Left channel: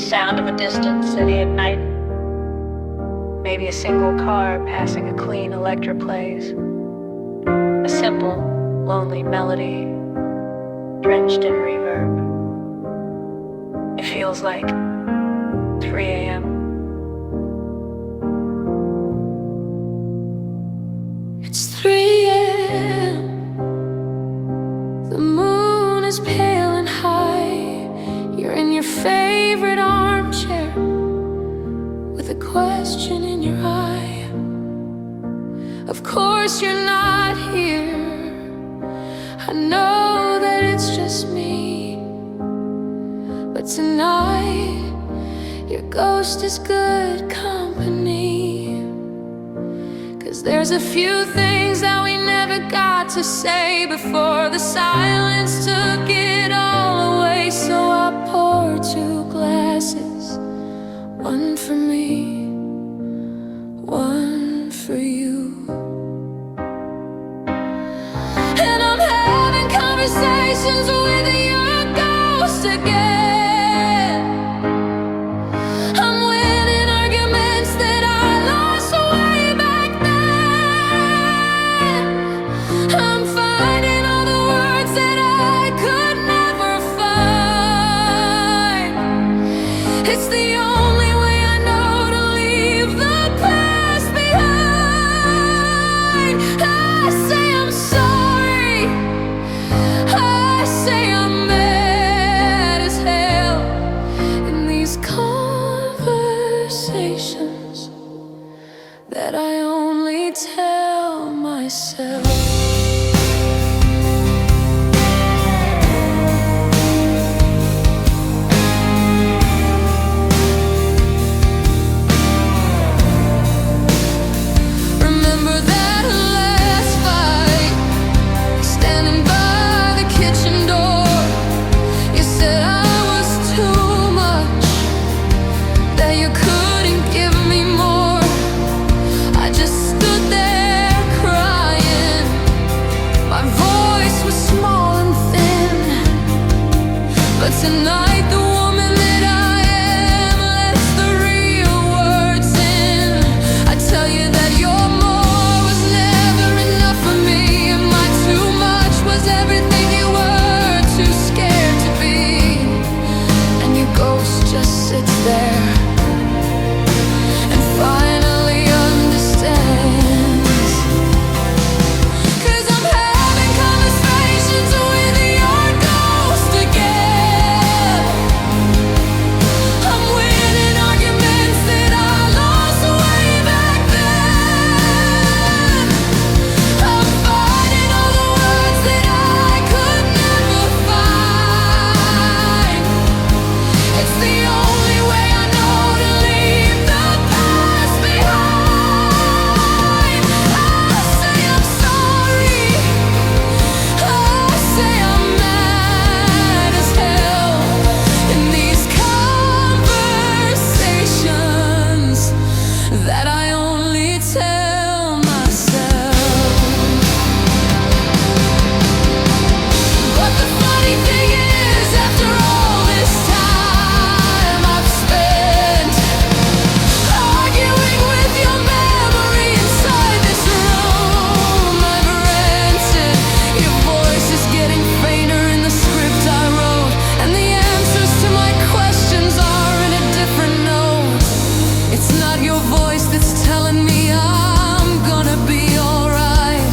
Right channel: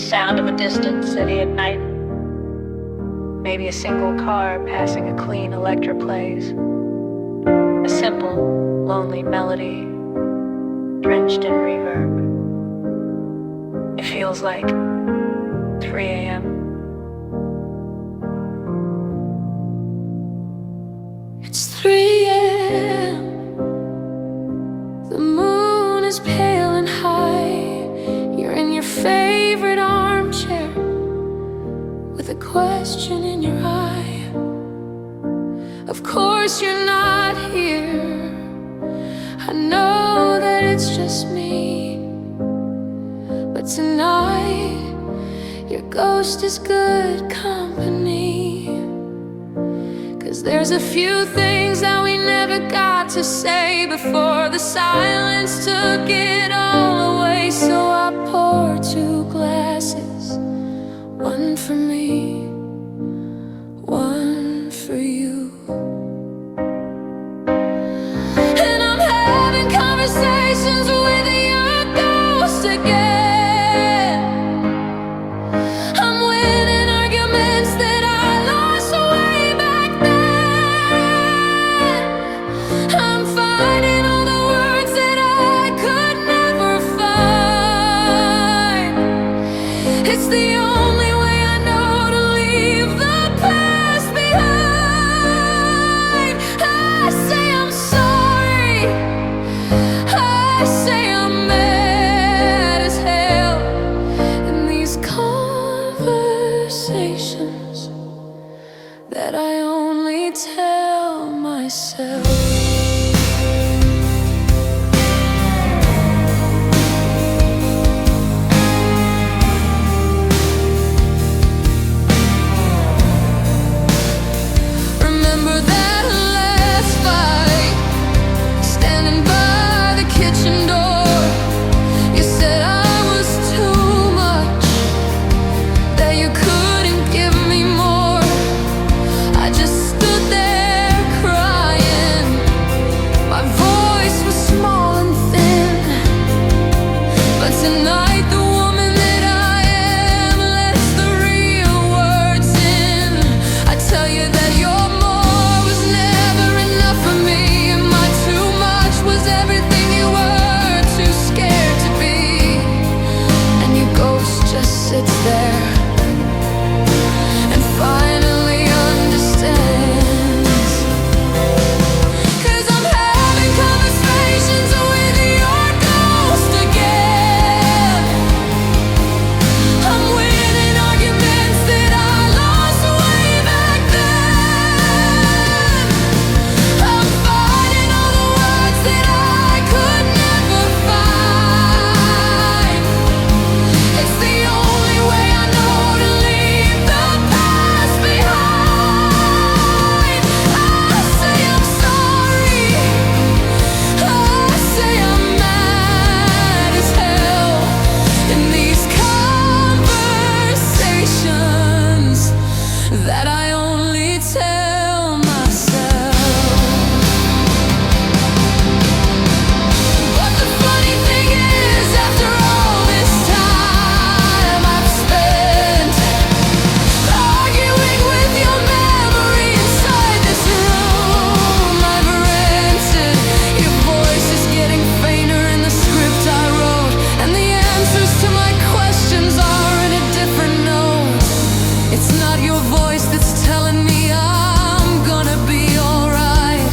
sound of a distant city at night. Maybe a single car passing a clean Electra plays. A simple, lonely melody, drenched in reverb. It feels like 3 a.m. It's 3 a.m. The moon is pale and high. You're in your favorite armchair with a question in your eye. Of course you're not here. I know that it's just me, but tonight your ghost is good company. 'Cause there's a few things that we never got to say before the silence took it all away. So I pour 2 glasses, one for me, one for you. And I'm having conversations with your ghost again. I'm winning arguments that I lost way back then. I'm finding all the words that I could never find. It's the only way I know to leave the past behind. I say I'm sorry. I say I'm mad as hell. In these conversations that I only tell myself. Remember that last fight, standing by the kitchen door. You said I was too much, that you couldn't give me more. I just stood there crying. My voice was small and thin, but tonight the woman that I am lets the real words in. I tell you that your more was never enough for me, and my too much was everything you were too scared to be. And your ghost just sits there and finally understands. 'Cause I'm having conversations with your ghost again. I'm winning arguments that I lost way back then. I'm finding all the words that I could never find. It's the only way I know to leave the past behind. I say I'm sorry. I say I'm mad as hell. In these conversations that I only tell myself. But the funny thing is, after all this time I've spent arguing with your memory inside this room I've rented, your voice is getting fainter in the script I wrote, and the answers to my questions are in a different note. It's not your voice that's telling me I'm gonna be alright.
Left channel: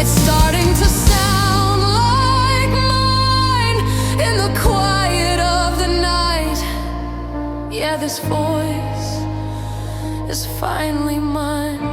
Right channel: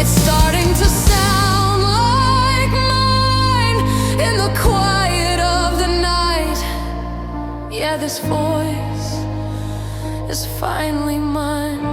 It's starting to sound like mine in the quiet of the night. Yeah, this voice is finally mine.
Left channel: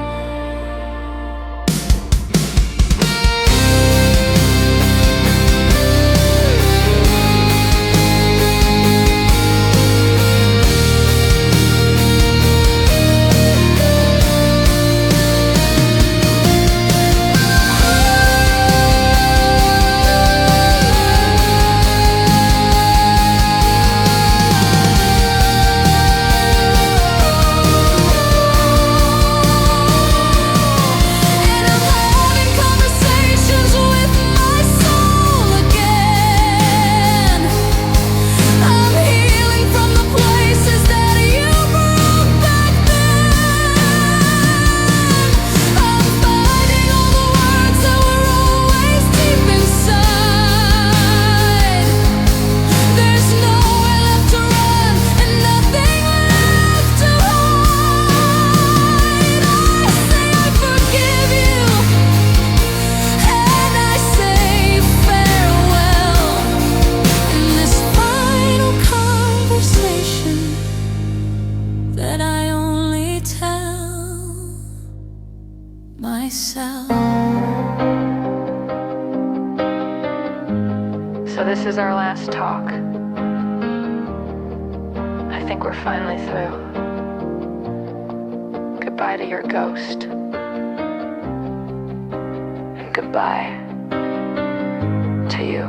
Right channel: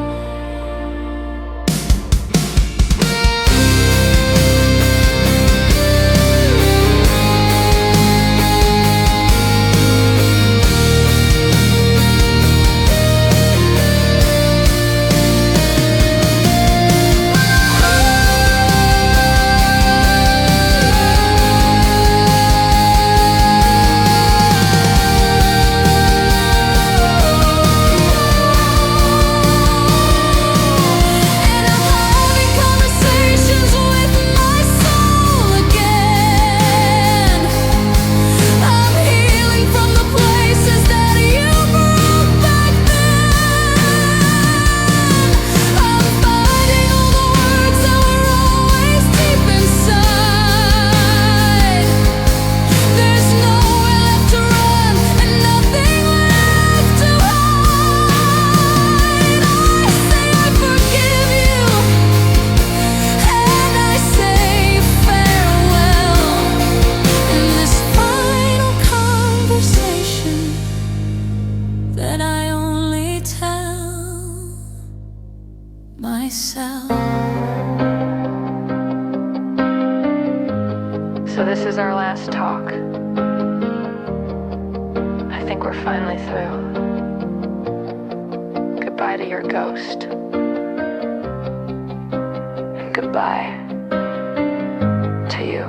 So this is our last talk. I think we're finally through. Goodbye to your ghost. And goodbye to you.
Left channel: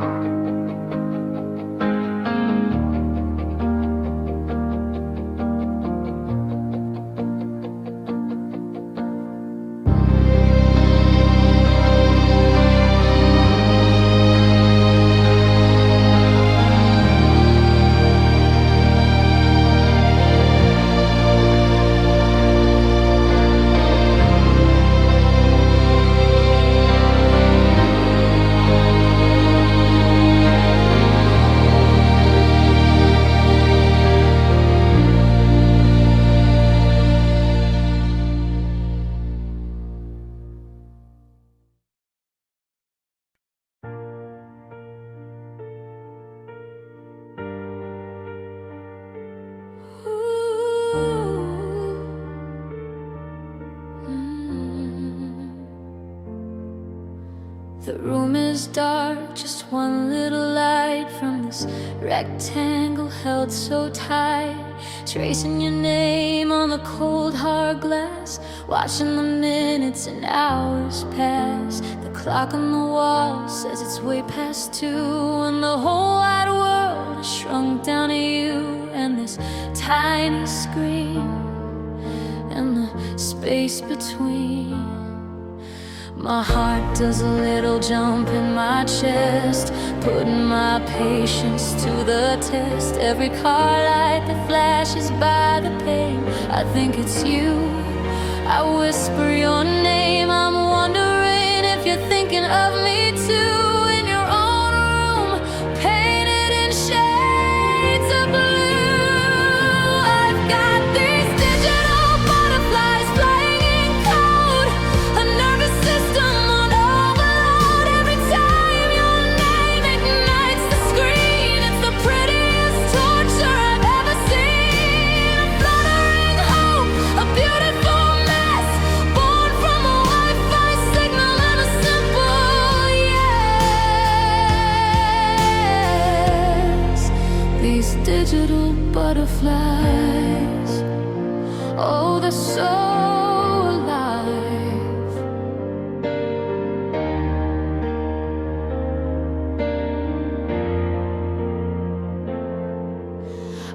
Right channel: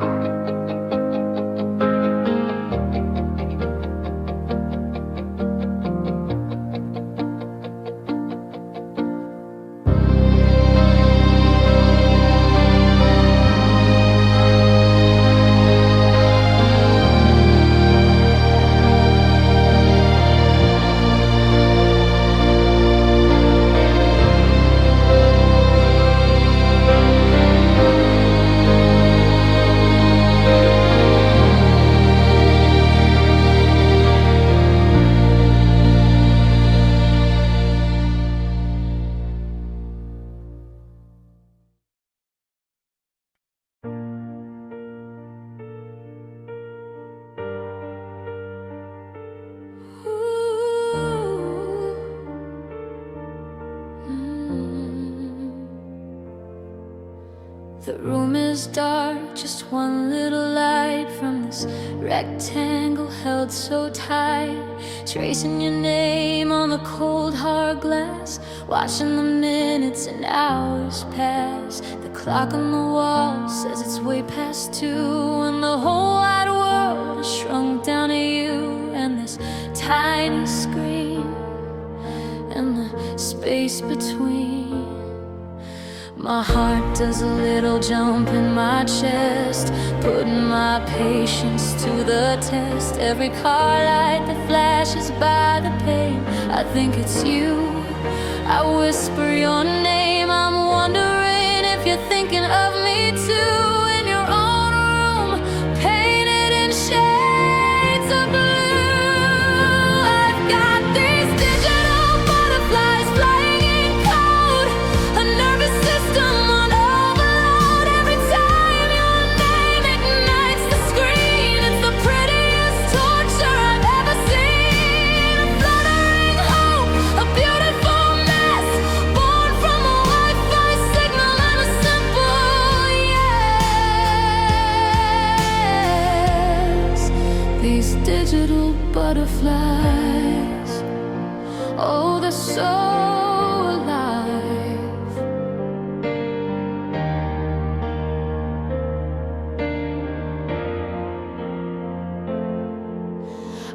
The room is dark, just one little light from this rectangle held so tight. Tracing your name on the cold hard glass, watching the minutes and hours pass. The clock on the wall says it's way past 2, and the whole wide world has shrunk down to you and this tiny screen and the space between. My heart does a little jump in my chest, putting my patience to the test. Every car light that flashes by the pane, I think it's you. I whisper your name, I'm wondering if you're thinking of me too. In your own room, painted in shades of blue. I've got these digital butterflies flying in code, a nervous system on overload. Every time your name ignites the screen, it's the prettiest torture I've ever seen. A fluttering hope, a beautiful mess, born from a Wi-Fi signal and a simple yes. These digital butterflies, oh, they're so alive.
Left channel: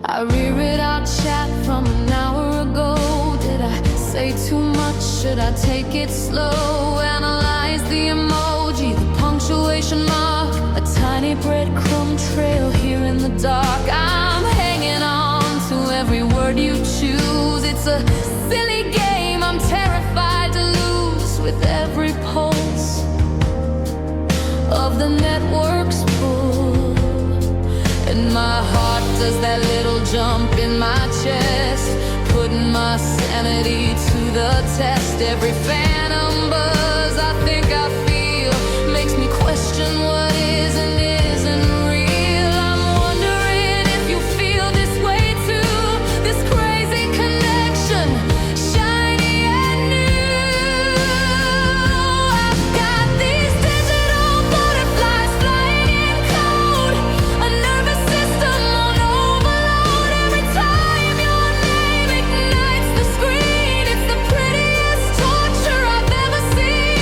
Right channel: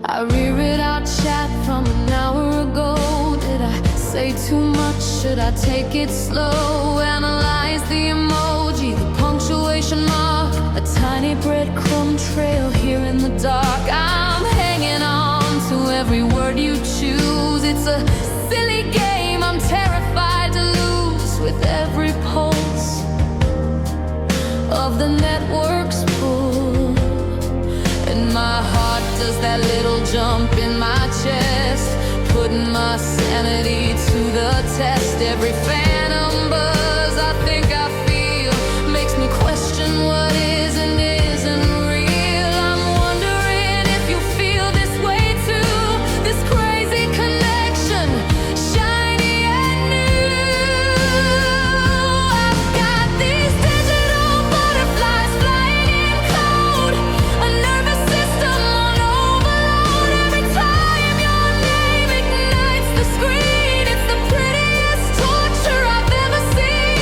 I reread our chat from an hour ago. Did I say too much? Should I take it slow? Analyze the emoji, the punctuation mark, a tiny breadcrumb trail here in the dark. I'm hanging on to every word you choose. It's a silly game I'm terrified to lose with every pulse of the network's pull. And my heart does that little jump in my chest, putting my sanity to the test. Every phantom buzz I think I feel makes me question what is and isn't real. I'm wondering if you feel this way too, this crazy connection, shiny and new. I've got these digital butterflies flying in code, a nervous system on overload. Every time your name ignites the screen, it's the prettiest torture I've ever seen.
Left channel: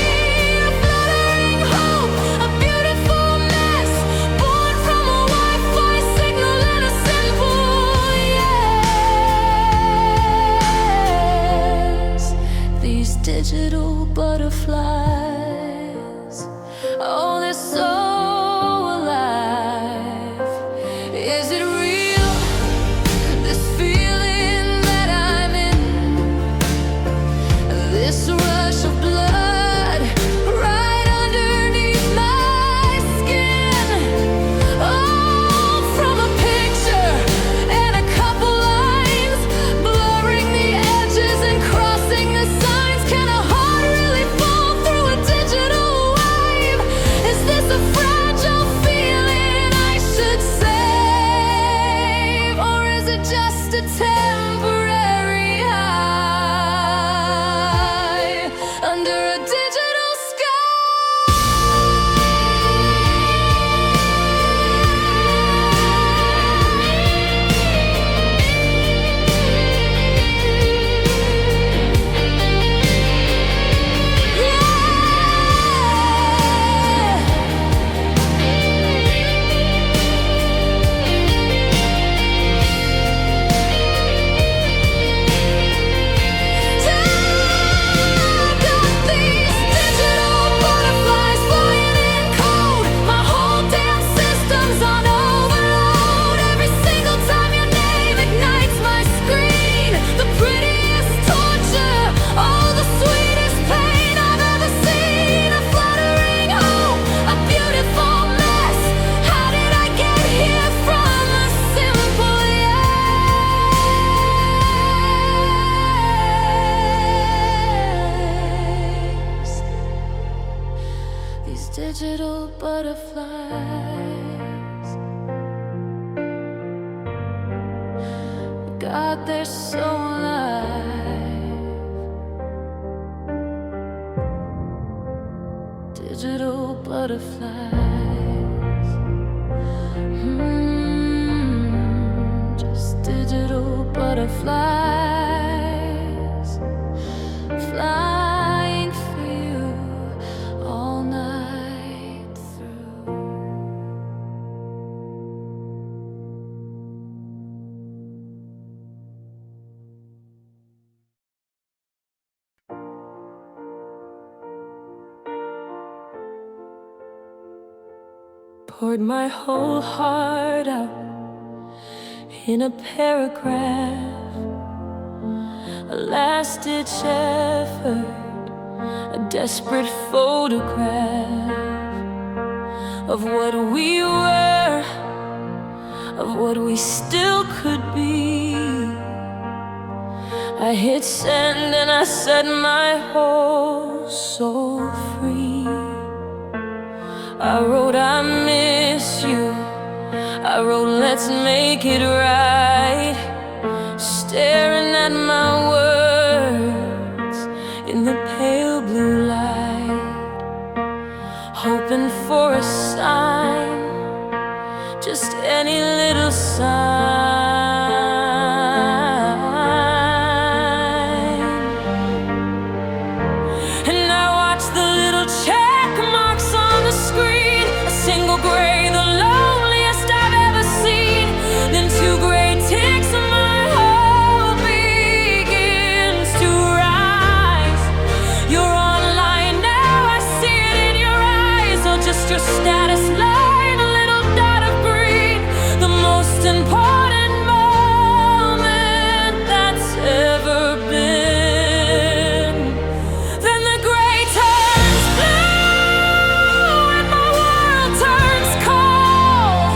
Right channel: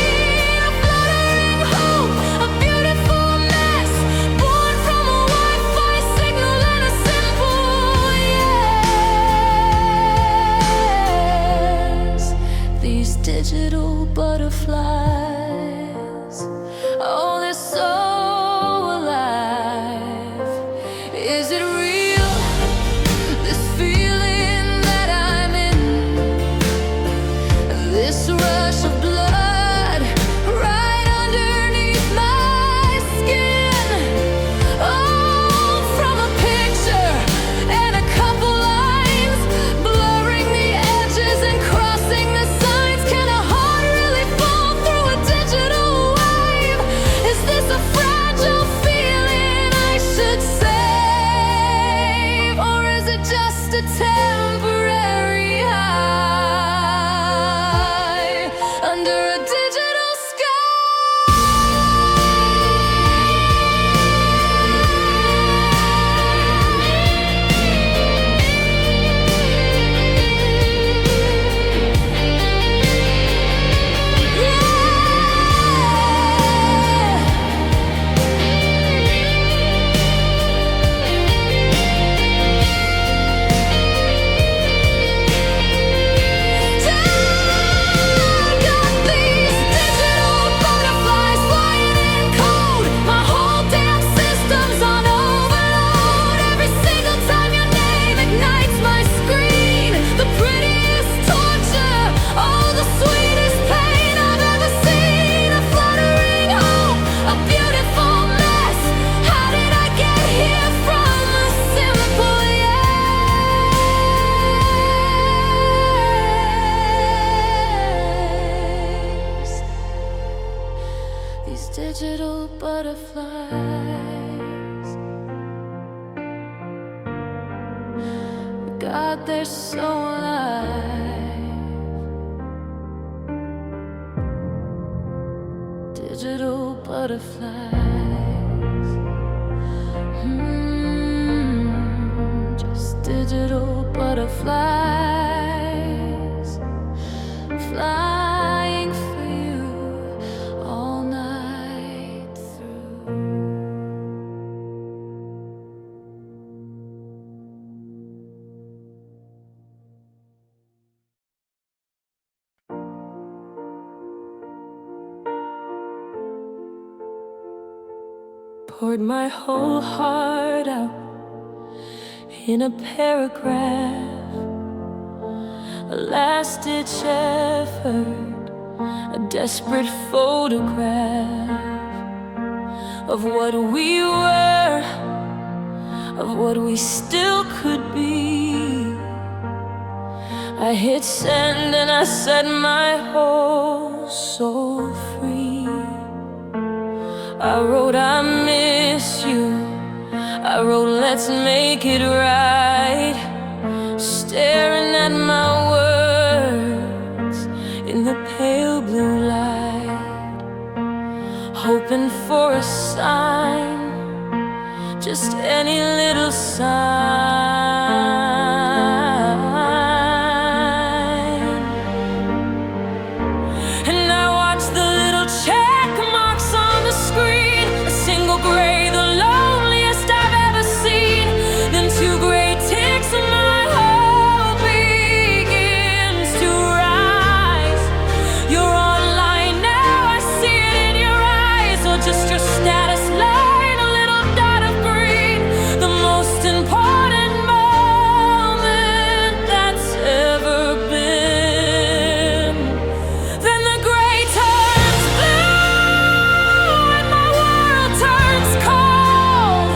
digital butterflies. God, they're so alive. Digital butterflies. Just digital butterflies, flying for you all night through. Poured my whole heart out in a paragraph, a last-ditch effort, a desperate photograph of what we were, of what we still could be. I hit send and I set my whole soul free. I wrote, I miss you. I wrote, let's make it right. Staring at my words in the pale blue light, hoping for a sign, just any little sign. And I watched the little check marks on the screen, a single gray, the loneliest I've ever seen. Then two gray ticks and my hope begins to rise. You're online now, I see it in your eyes, or just your status line, a little dot of green, the most important moment that's ever been. Then the gray turns blue and my world turns cold.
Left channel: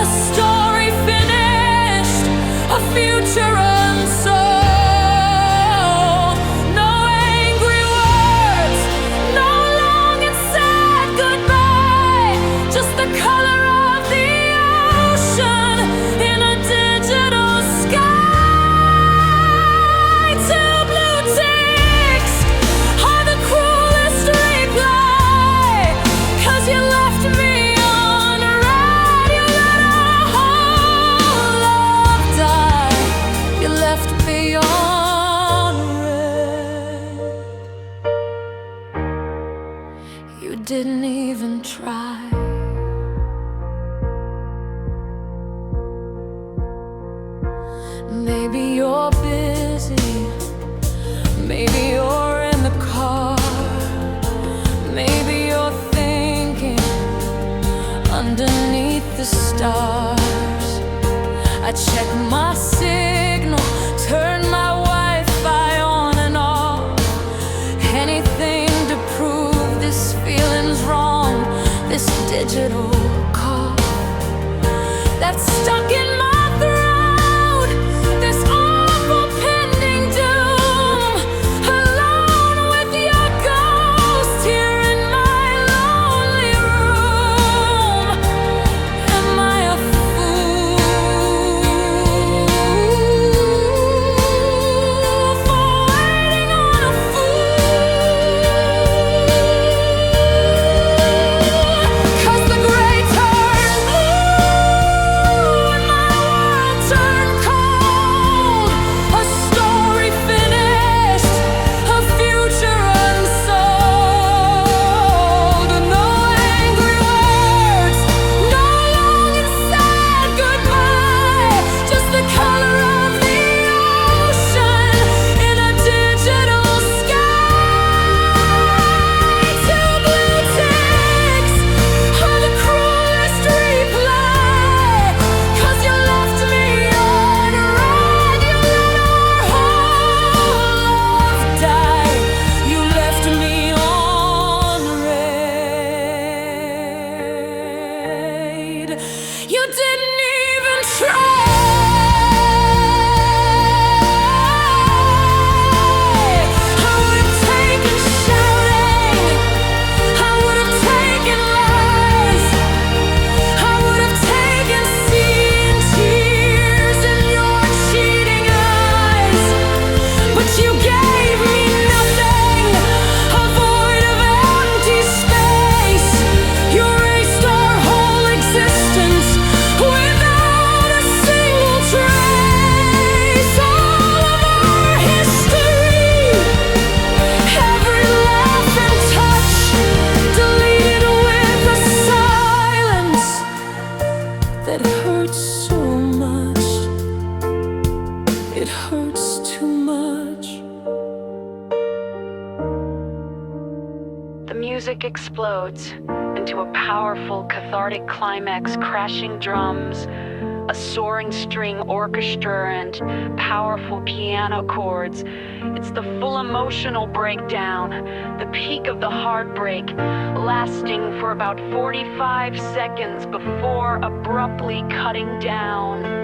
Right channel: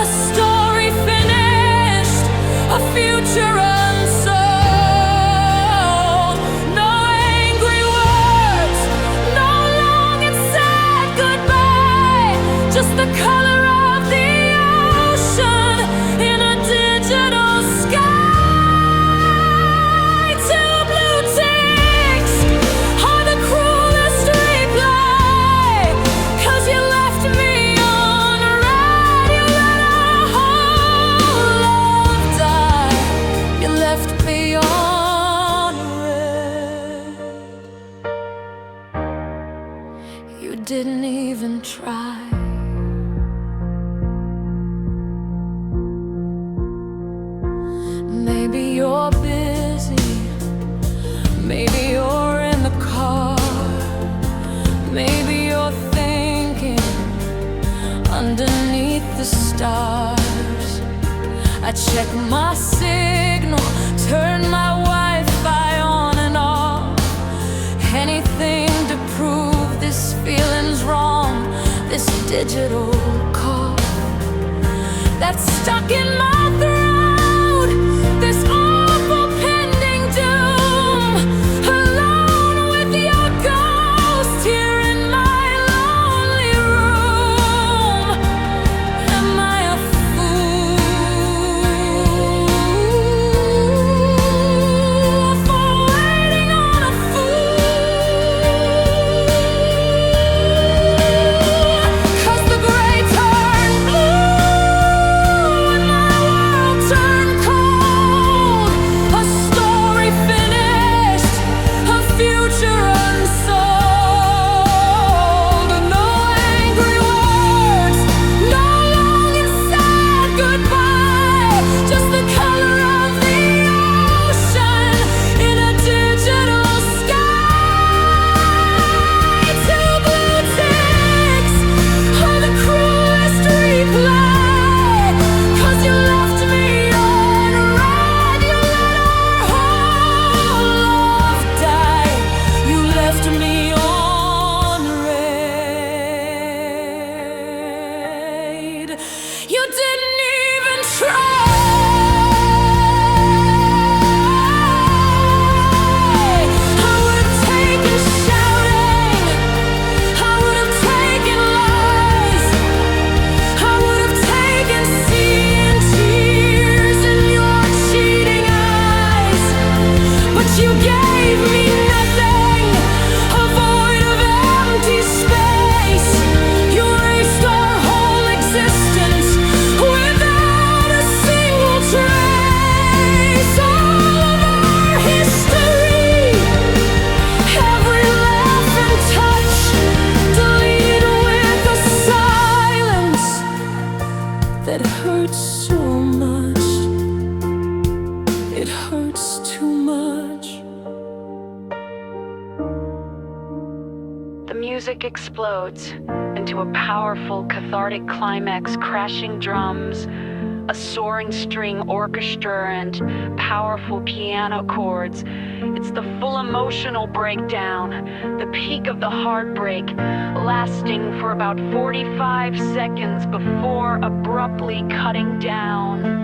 A story finished, a future unsold. No angry words, no long and sad goodbye, just the color of the ocean in a digital sky. Two blue ticks are the cruelest reply, 'cause you left me on red. You let our whole love die. You left me on red. You didn't even try. Maybe you're busy, maybe you're in the car, maybe you're thinking underneath the stars. I check my signal, turn my Wi-Fi on and off, anything to prove this feeling's wrong, this digital cough that's stuck in my throat, this awful pending doom. Alone with your ghost here in my lonely room. Am I a fool for waiting on a fool? 'Cause the gray turned blue and my world turned cold. A story finished, a future unsold. No angry words, no long and sad goodbye, just the color of the ocean in a digital sky. Two blue ticks are the cruelest reply, 'cause you left me on red. You let our whole love die. You left me on red. You didn't even try. I would have taken shouting, I would have taken love. gave me nothing, a void of empty space. You erased our whole existence without a single trace. All of our history, every laugh and touch, deleted with a silence that hurts so much. It hurts too much. The music explodes into a powerful, cathartic climax, crashing drums, a soaring string orchestra, and powerful piano chords. It's the full emotional breakdown, the peak of the heartbreak, lasting for about 45 seconds before abruptly cutting down.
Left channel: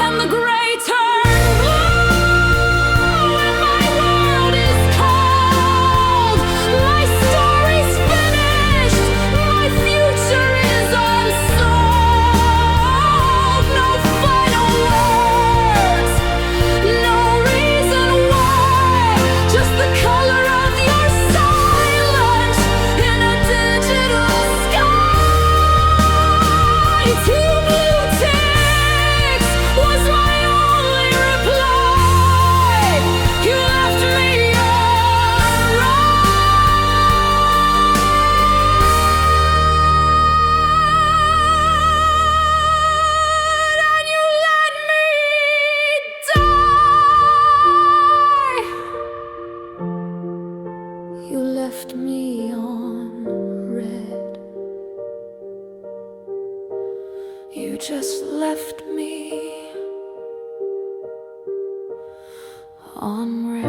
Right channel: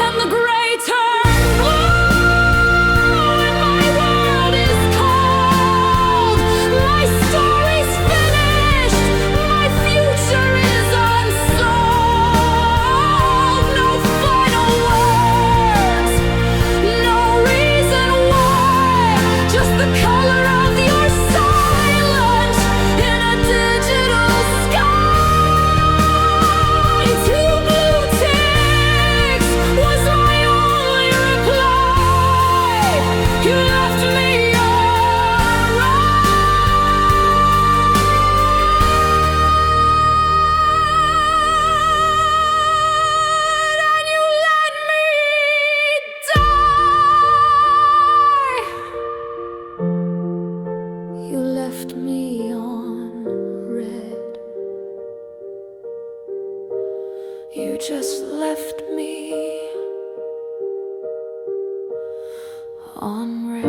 And the gray turn blue, and my world is cold. My story's finished, my future is unsolved. No final words, no reason why, just the color of your silence in a digital sky. Two blue ticks was my only reply. You left me on red, and you let me die. You left me on red. You just left me on red.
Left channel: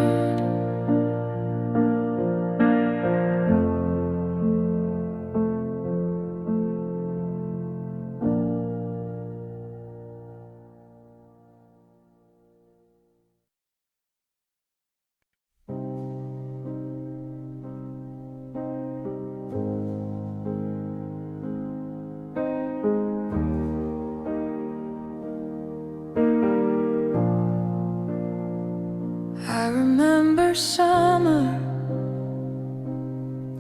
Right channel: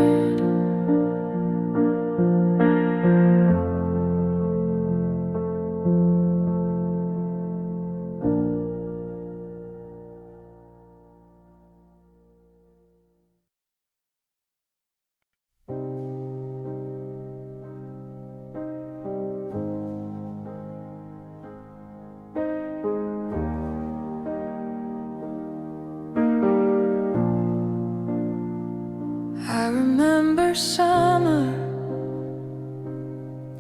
I remember summer,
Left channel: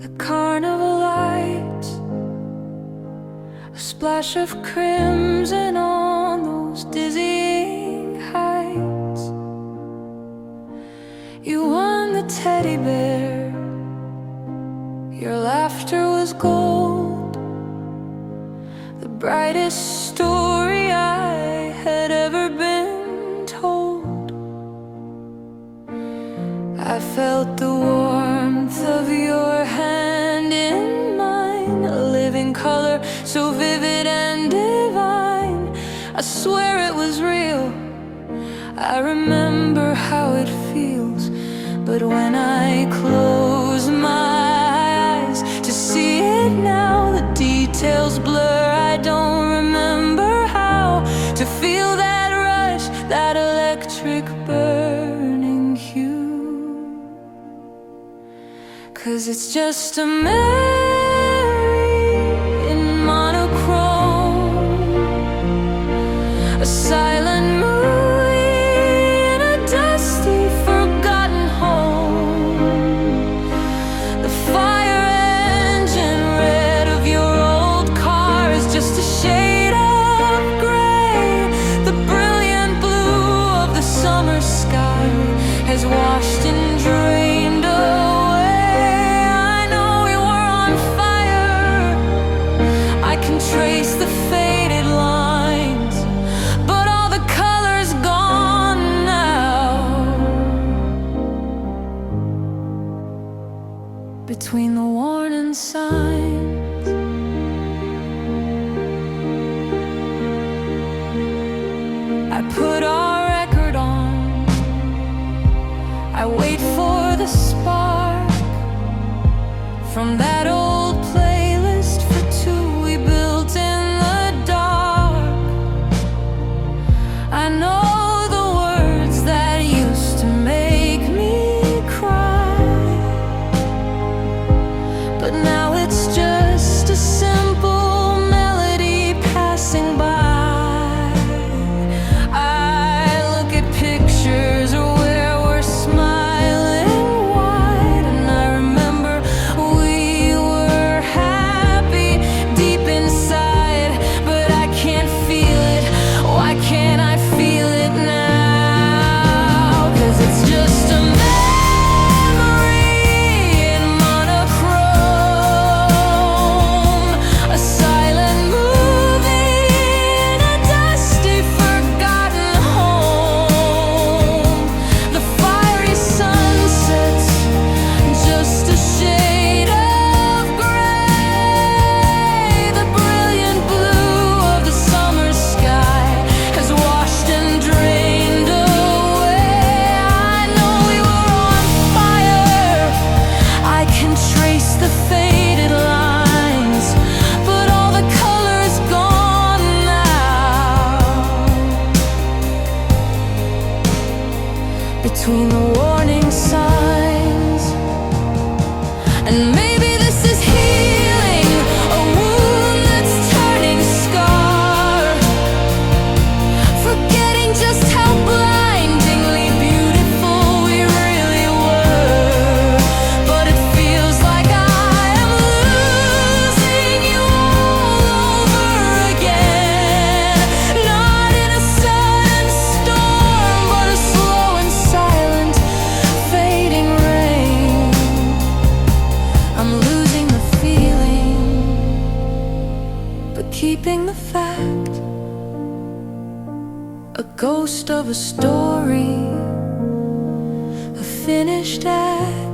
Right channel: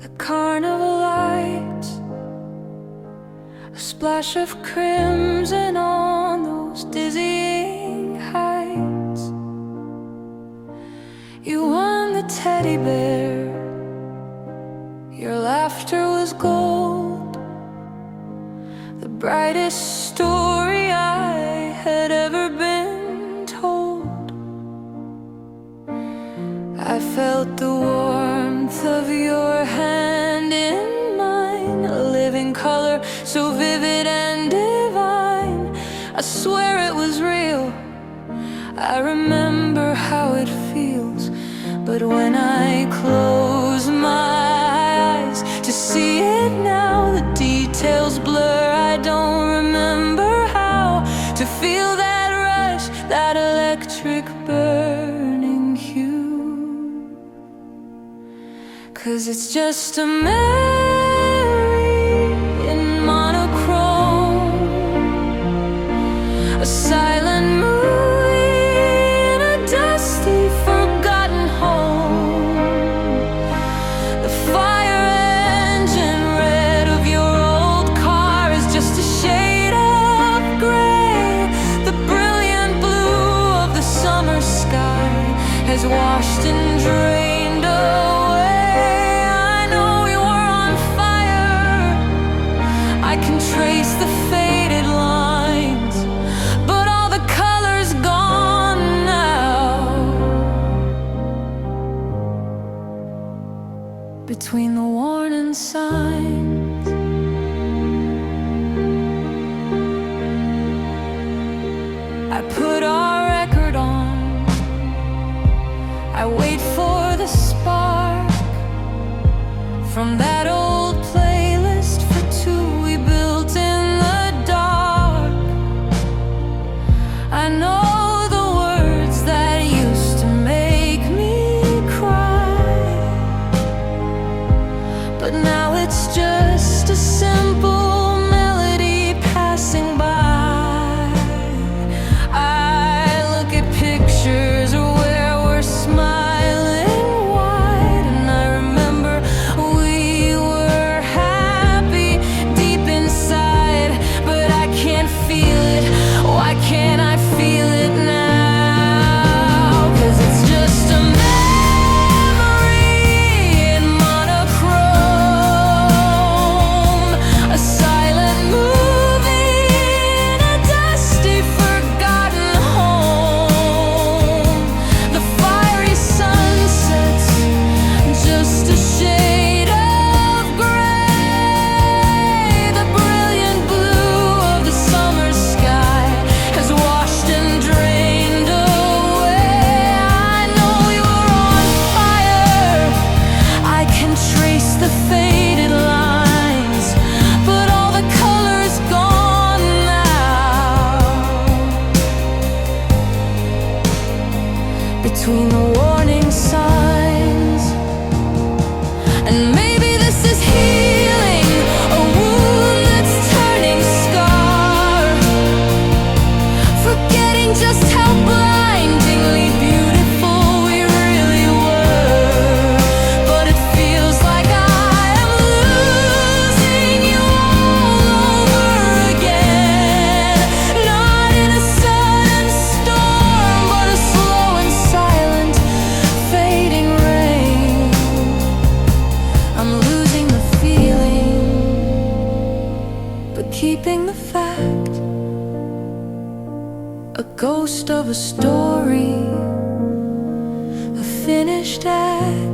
the carnival lights, a splash of crimson on those dizzying heights. You won the teddy bear, your laughter was gold, the brightest story I had ever been told. I felt the warmth of your hand in mine, a living color so vivid and divine. I swear it was real. I remember how it feels, but when I close my eyes to see it now, the details blur. I don't remember how to feel that rush, that electric burning hue. 'Cause it's just a memory in monochrome, a silent movie in a dusty, forgotten home. The fire engine red of your old car is just a shade of gray. The brilliant blue of the summer sky has washed and drained away. I know we were on fire, I can trace the faded lines, but all the color's gone now. Between the warning signs, I put our record on, I wait for the spark from that old playlist for two we built in the dark. I know the words that used to make me cry, but now it's just a simple melody passing by. ghost of a story, a finished act.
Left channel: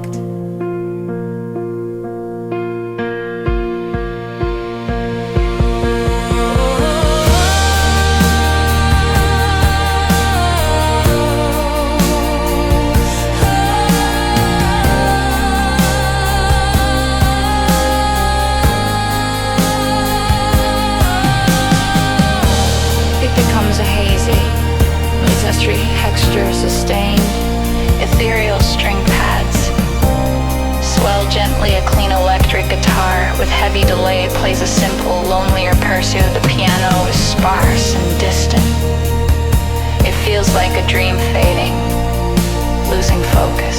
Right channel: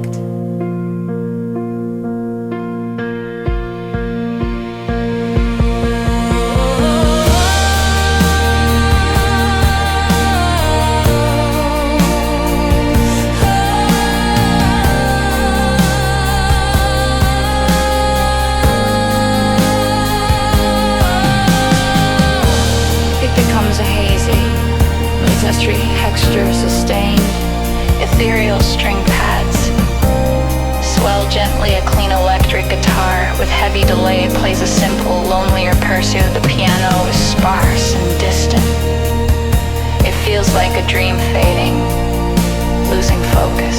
Texture sustained, ethereal string pads. Swell gently a clean electric guitar with heavy delay plays a simple, lonelier pursuit. The piano is sparse and distant. It feels like a dream fading, losing focus.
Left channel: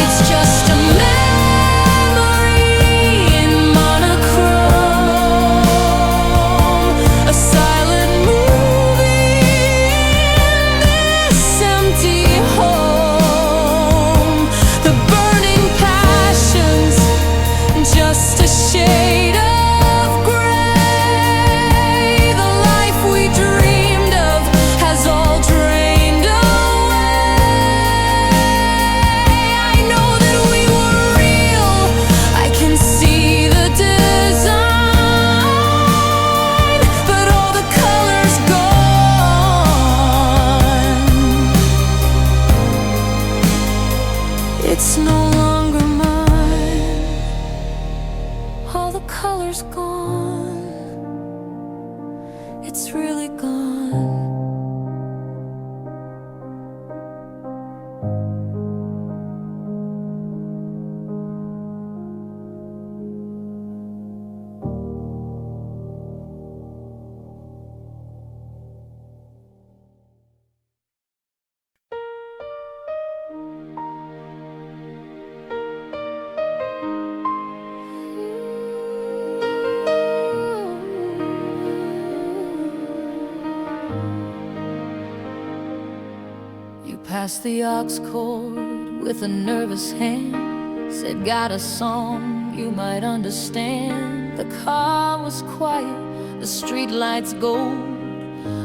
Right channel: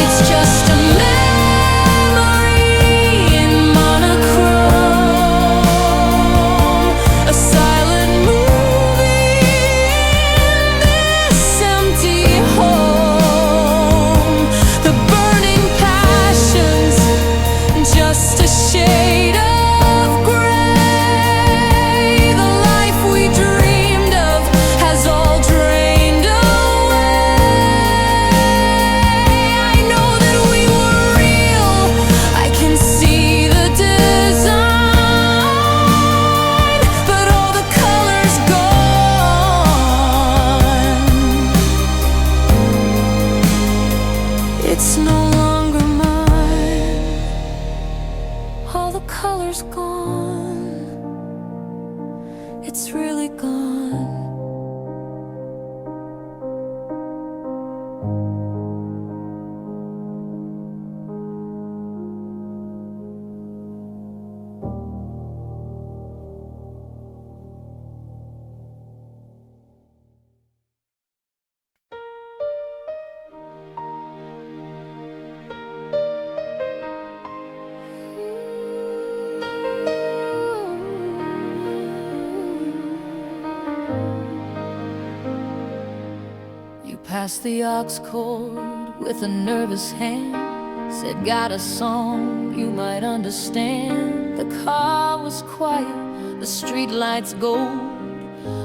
It's just a it's no longer mine. All the color's gone. It's really gone. Passed the aux chord with a nervous hand. Said, got a song you might understand. The car was quiet, the street lights gold,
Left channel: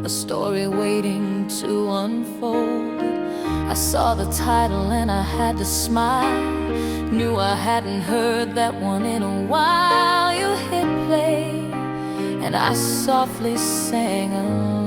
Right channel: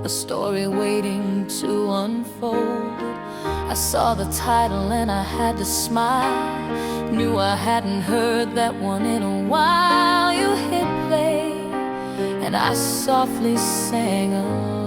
a story waiting to unfold. I saw the title and I had to smile. Knew I hadn't heard that one in a while. You hit play and I softly sang along.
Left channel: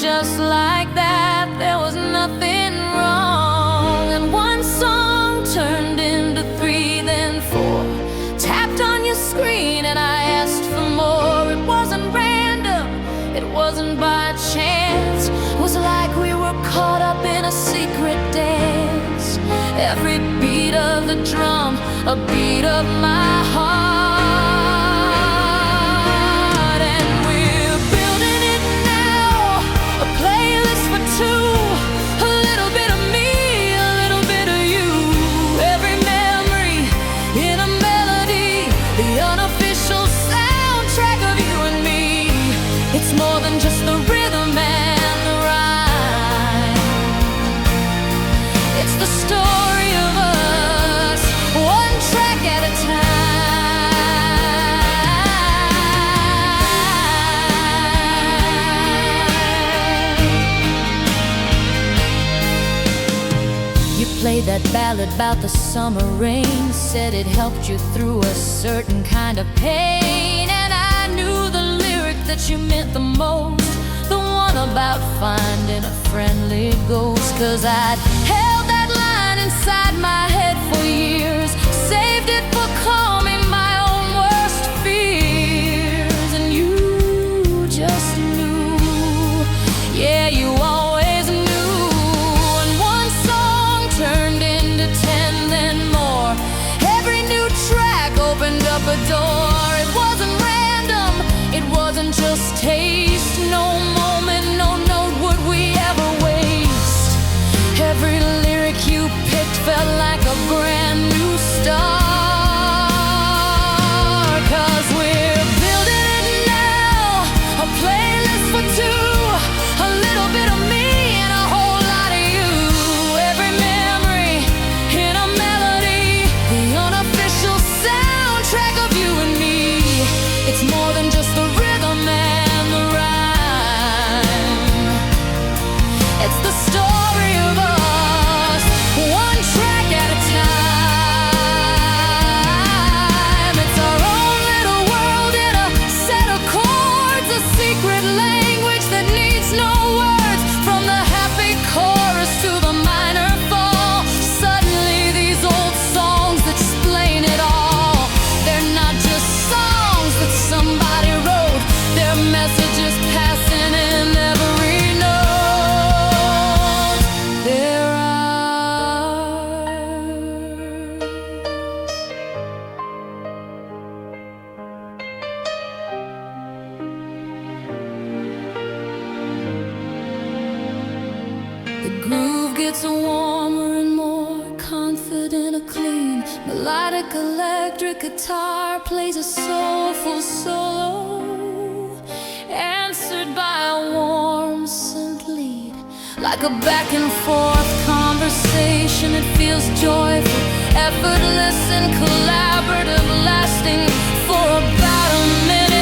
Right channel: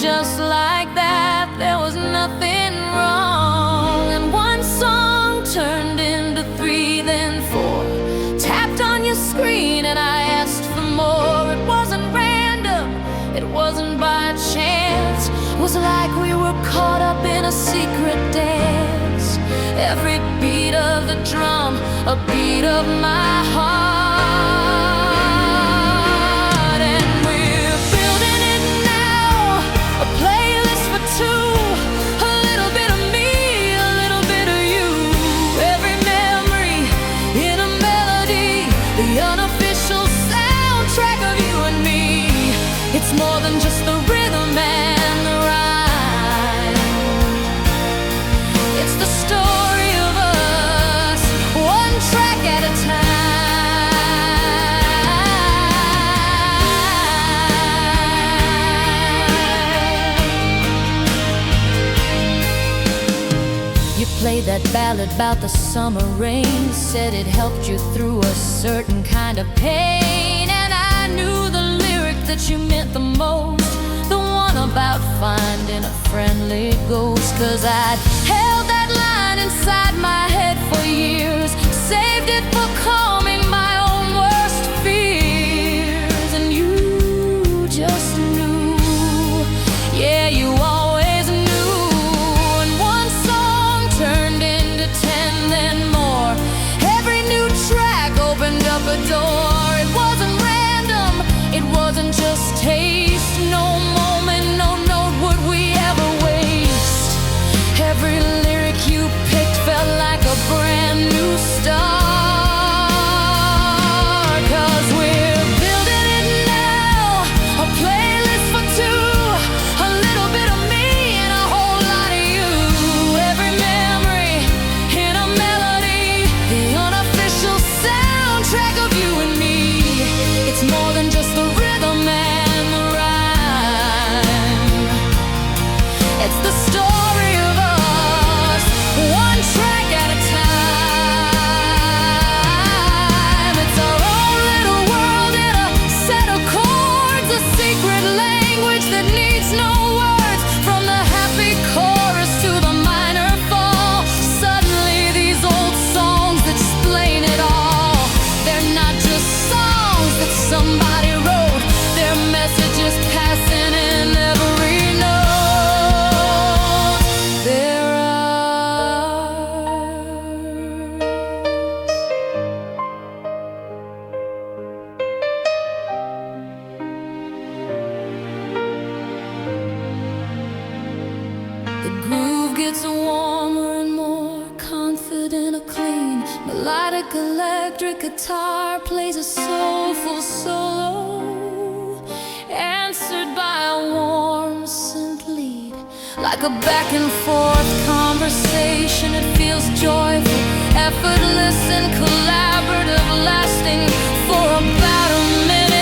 Just like that, there was nothing wrong. And one song turned into 3, then 4. Tapped on your screen and I asked for more. It wasn't random, it wasn't by chance. It was like we were caught up in a secret dance. Every beat of the drum, a beat of my heart. It's more than just the rhythm and the rhyme. It's the story of us, one track at a time. You played that ballad about the summer rain. Said it helped you through a certain kind of pain. And I knew the that you meant the most, the one about finding a friendly ghost. Cause I'd held that line inside my head for years, saved it for calming my own worst fears. And you just knew, yeah, you always knew. And one song turned into 10, then more. Every new track opened up a door. It wasn't random, it wasn't just taste. No moment, no note would we ever waste. Every lyric you picked felt like a brand new start. Cause we're building it now, a playlist for 2, a little bit of me and a whole lot of you. Every memory in a melody, than just the rhythm and the rhyme. It's the story of us, one track at a time. It's our own little world in a set of chords, a secret language that needs no words. From the happy chorus to the minor fall, suddenly these old songs explain it all. They're not just songs that somebody wrote, their messages passing in every note. They're ours. The groove gets warmer and more confident, a clean melodic electric guitar plays a soulful solo, answered by a warm synth lead. Like a back and forth conversation, it feels joyful, effortless and collaborative, lasting for about a minute.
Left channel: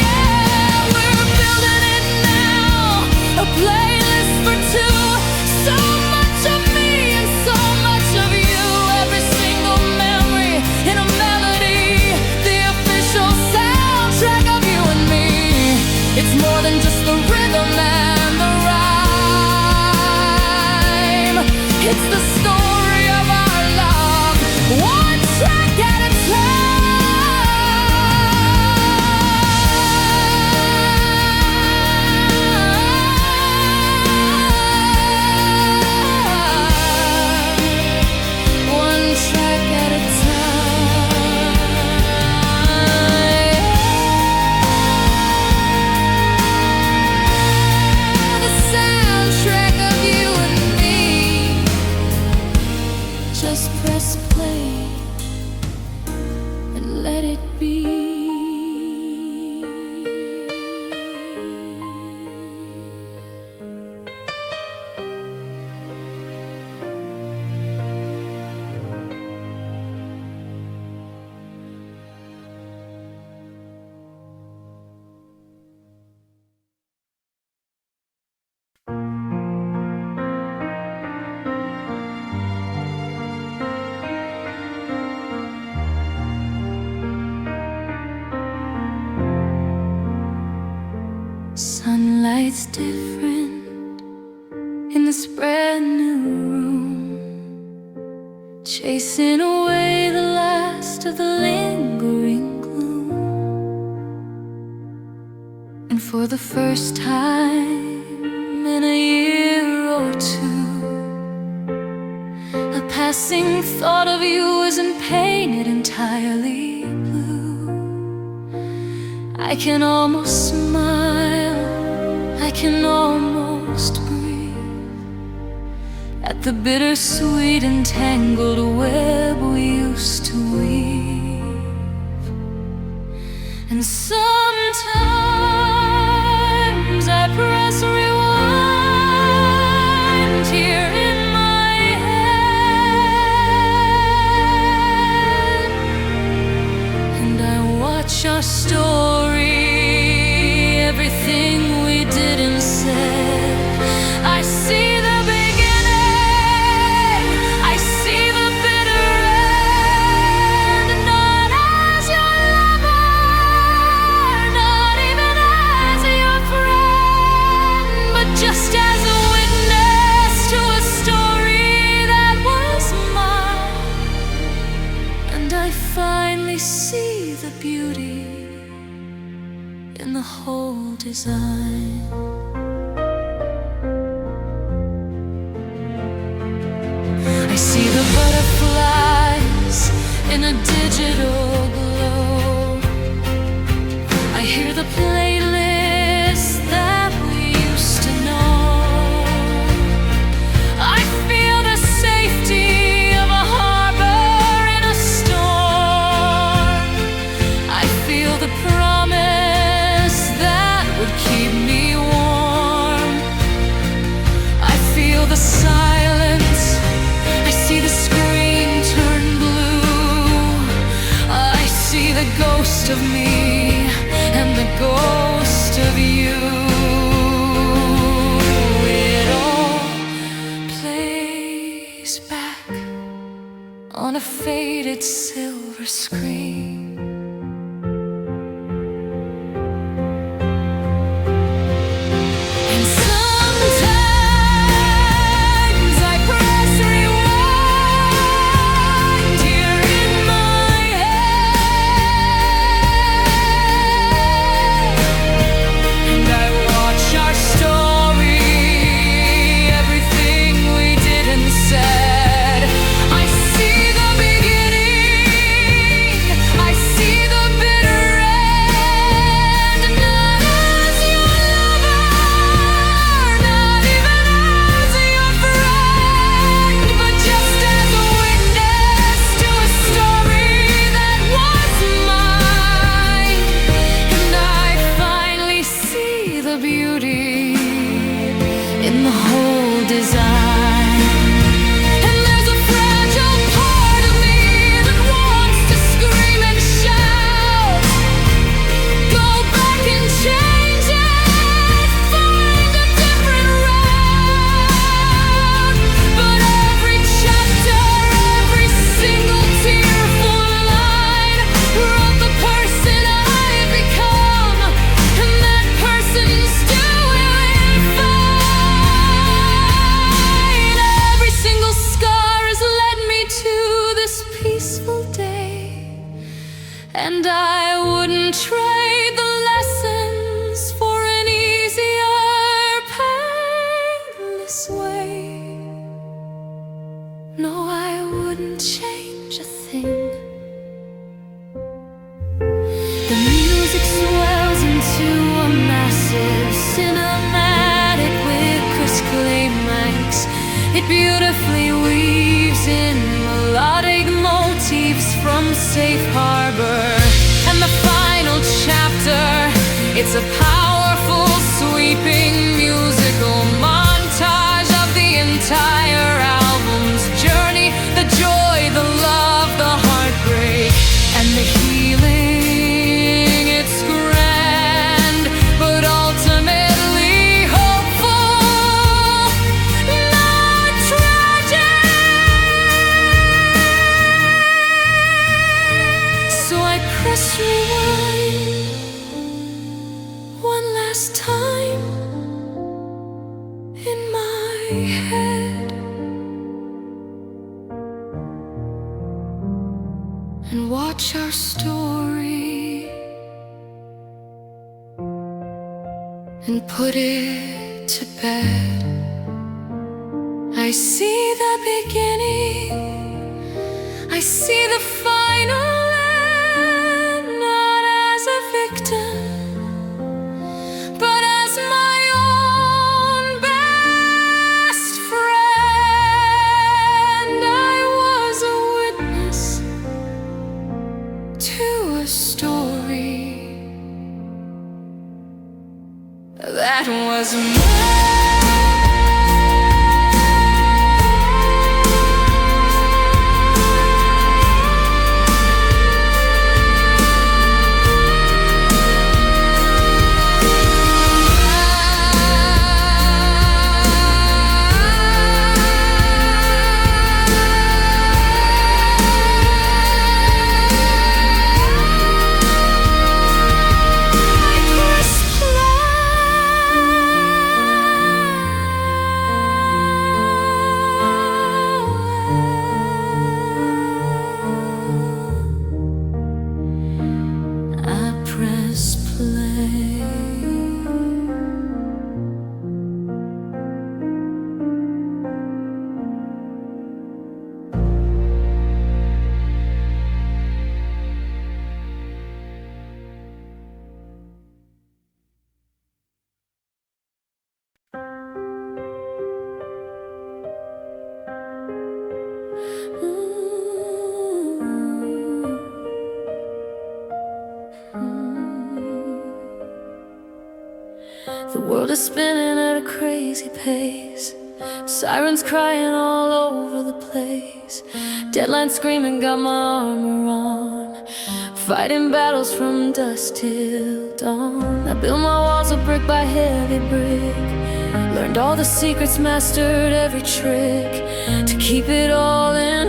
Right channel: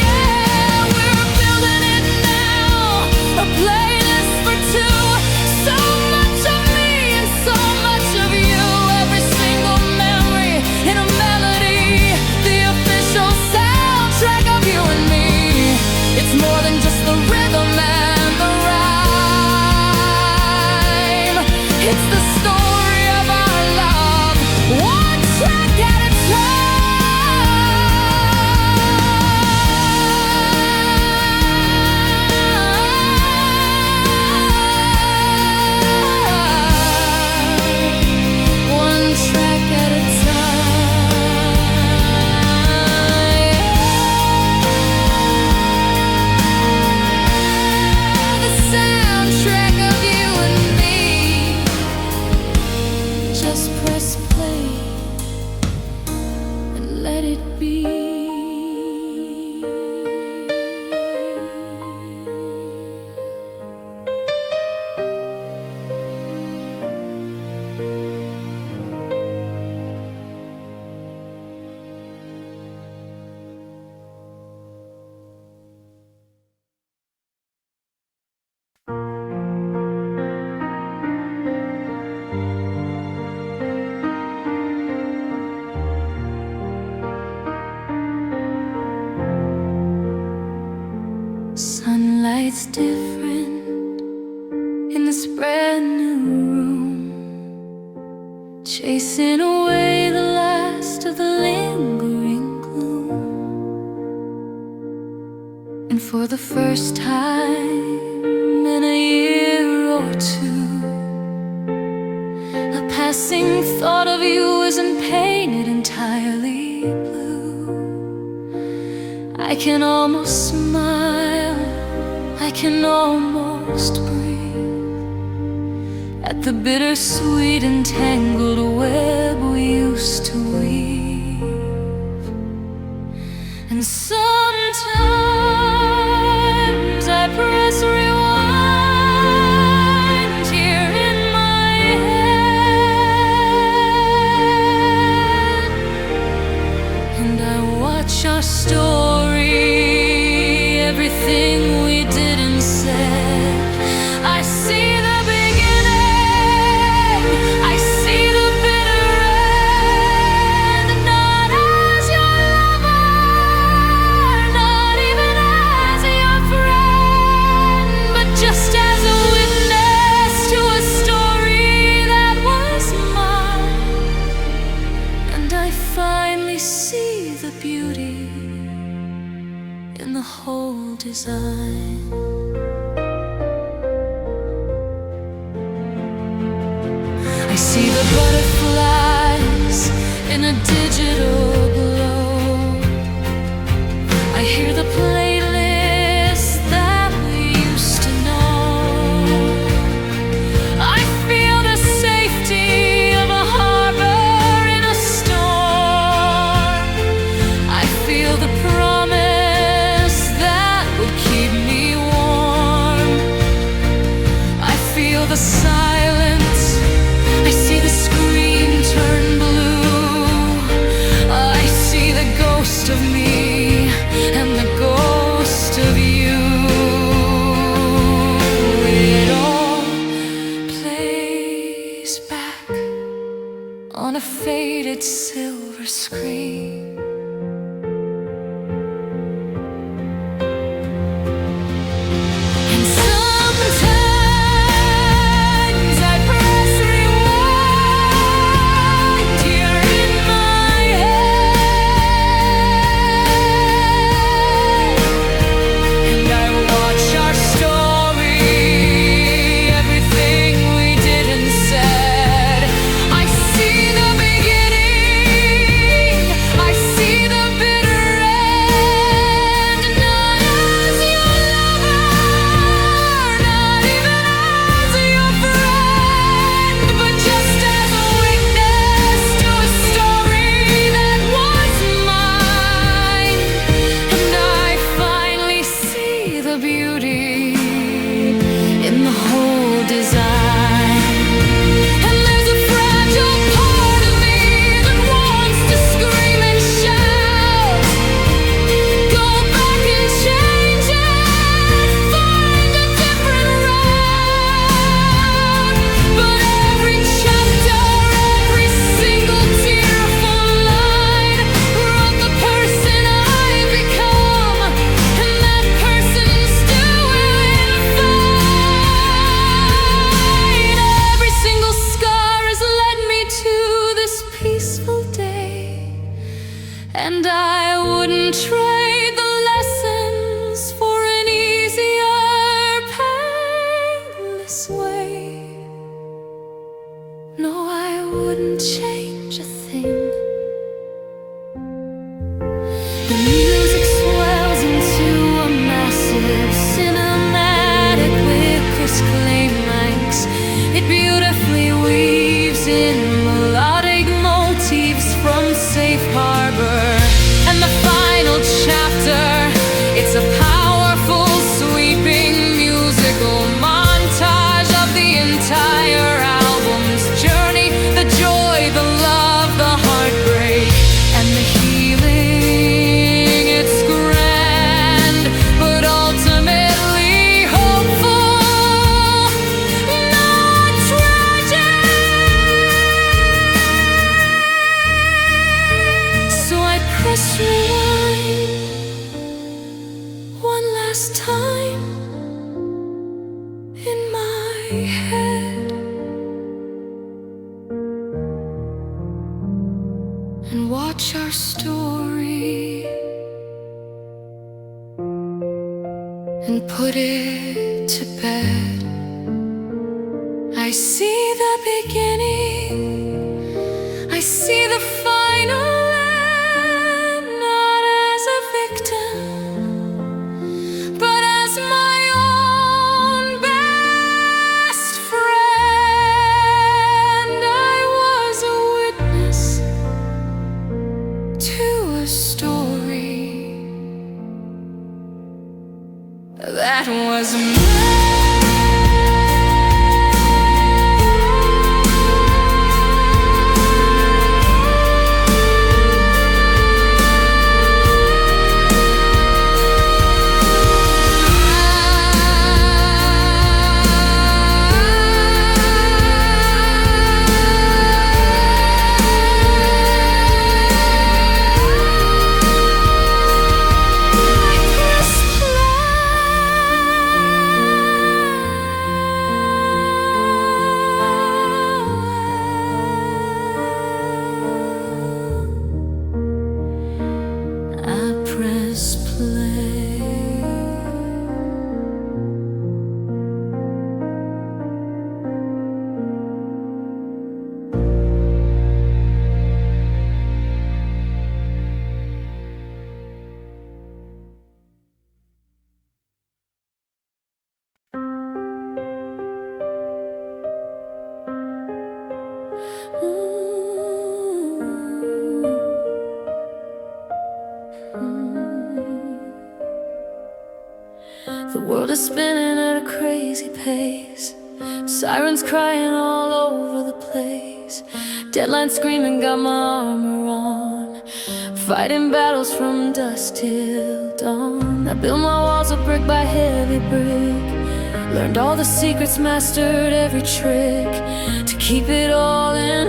Yeah, we're building it now, a playlist for two. So much of me and so much of you, every single memory in a melody, the official soundtrack of you and me. It's more than just the rhythm and the rhyme. It's the story of our love, one track at a time. One track at a time. The soundtrack of you and me. Just press play and let it be. Sunlight's different in this brand new room, chasing away the last of the lingering gloom. And for the first time in a year or two, a passing thought of you isn't painted entirely blue. I can almost smile, I can almost breathe at the bittersweet and tangled web we used to weave. And sometimes I press rewind here in my head, and I watch our story, everything we did and said. I see the beginning, I see the bitter end. Not as your lover, not even as your friend, but just as a witness to a story that was mine. And I finally see the beauty in the whole design. I see the butterflies in a digital glow. I hear the playlist that we used to know. I feel the safety of a harbor in a storm. I feel the promise that would keep me warm. I feel the silence, I see the screen turn blue. ghost of me and the ghost of you. It all plays back on a faded silver screen. And sometimes I press rewind here in my head, and I watch our story, everything we did and said. I see the beginning, I see the bitter end, not as your lover, not even as your friend, but just as a witness to a story that was mine. And I finally see the beauty in the whole design. And there's a fragile part of me that wants to scream and shout, go back and change it, find a different route. But every chapter, every single tearful line wrote the person I've become, and that person's doing fine. Every single scar has led me to this peaceful day, and I wouldn't trade the lessons for an easier, painless way. No, I wouldn't change a thing. The music swells into a massive cinematic with crisp climax. It beautifully weaves in melodic motifs from Safe Harbor. And the final chapter, it's a powerful, sweeping musical montage of the entire album's journey, the joy, the love, the heartbreak, and the healing. It's grand, but ultimately hopeful, not tragic. So I press rewind one last time in my head, and watch our story and put it to bed. I see the beginning, I see the final end, not as a victim, but as my own best friend. I was a witness to a story that was mine. I press play. The world is spinning at a crazy pace. Sirens crying all over the place. Deadlines screaming, got my armor on. fighting battles from dusk till dawn. I built my walls of brick by heavy brick, learned all the secrets, mastered every trick, to keep it all in,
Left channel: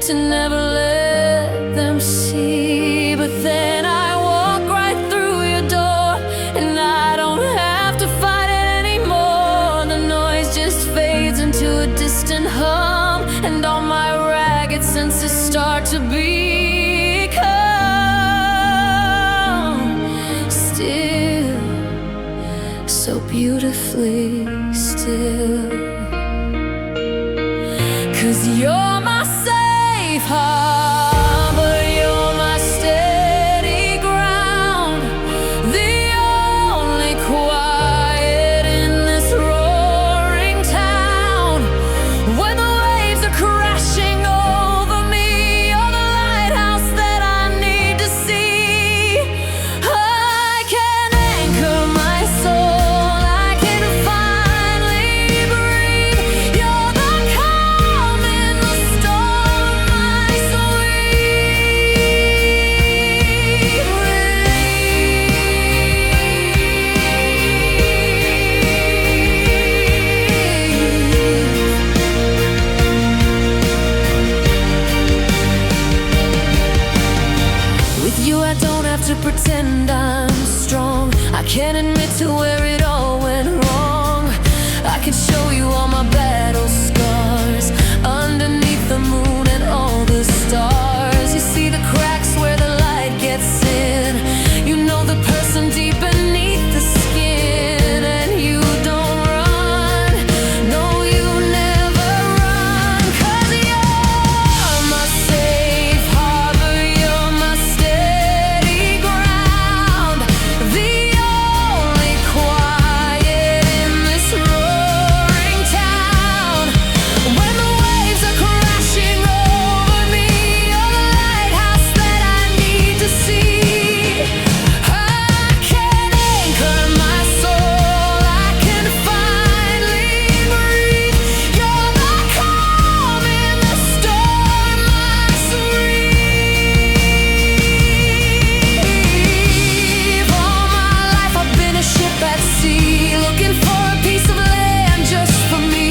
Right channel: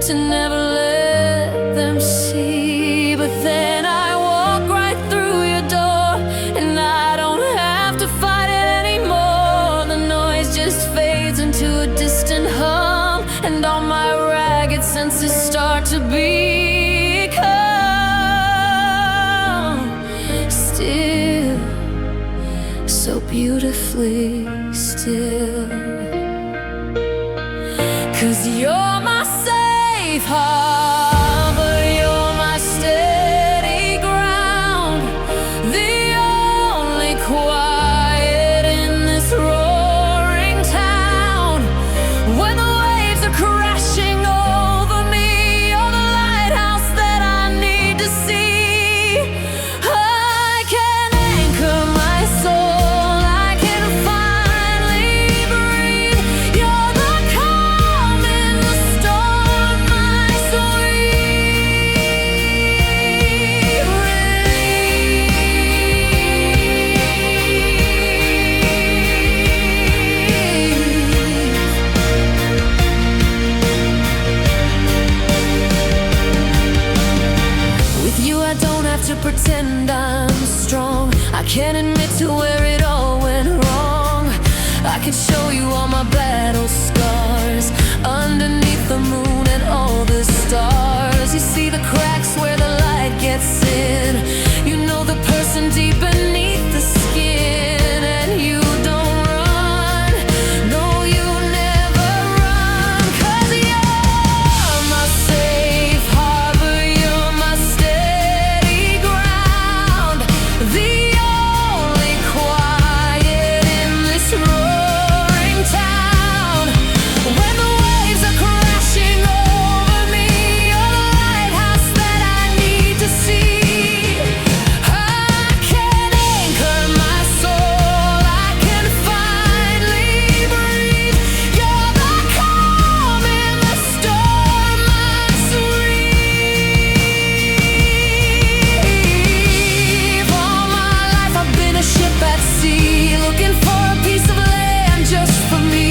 to never let them see. But then I walk right through your door, and I don't have to fight it anymore. The noise just fades into a distant hum, and all my ragged senses start to become still, so beautifully still. 'Cause you're my safe harbor, you're my steady ground, the only quiet in this roaring town. When the waves are crashing over me, you're the lighthouse that I need to see. I can anchor my soul, I can finally breathe. You're the calm in the storm, my sweet relief. With you I don't have to pretend I'm strong. I can admit to where it all went wrong. I can show you all my battle scars, underneath the moon and all the stars. You see the cracks where the light gets in. You know the person deep beneath the skin. And you don't run, no you never run. 'Cause you're my safe harbor, you're my steady ground, the only quiet in this roaring town. When the waves are crashing over me, you're the lighthouse that I need to see. I can anchor my soul, I can finally breathe. You're the calm in the storm, my sweet. All my life I've been a ship at sea, looking for a piece of land just for me.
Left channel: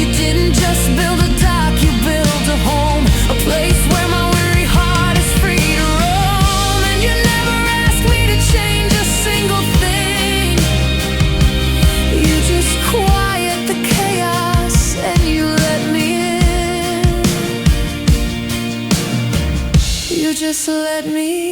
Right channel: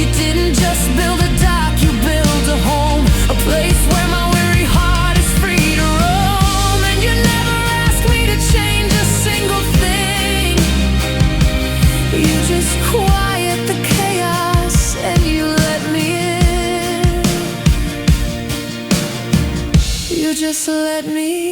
You didn't just build a dock, you built a home, a place where my weary heart is free to roam. And you never asked me to change a single thing. You just quiet the chaos and you let me in. You just let me in.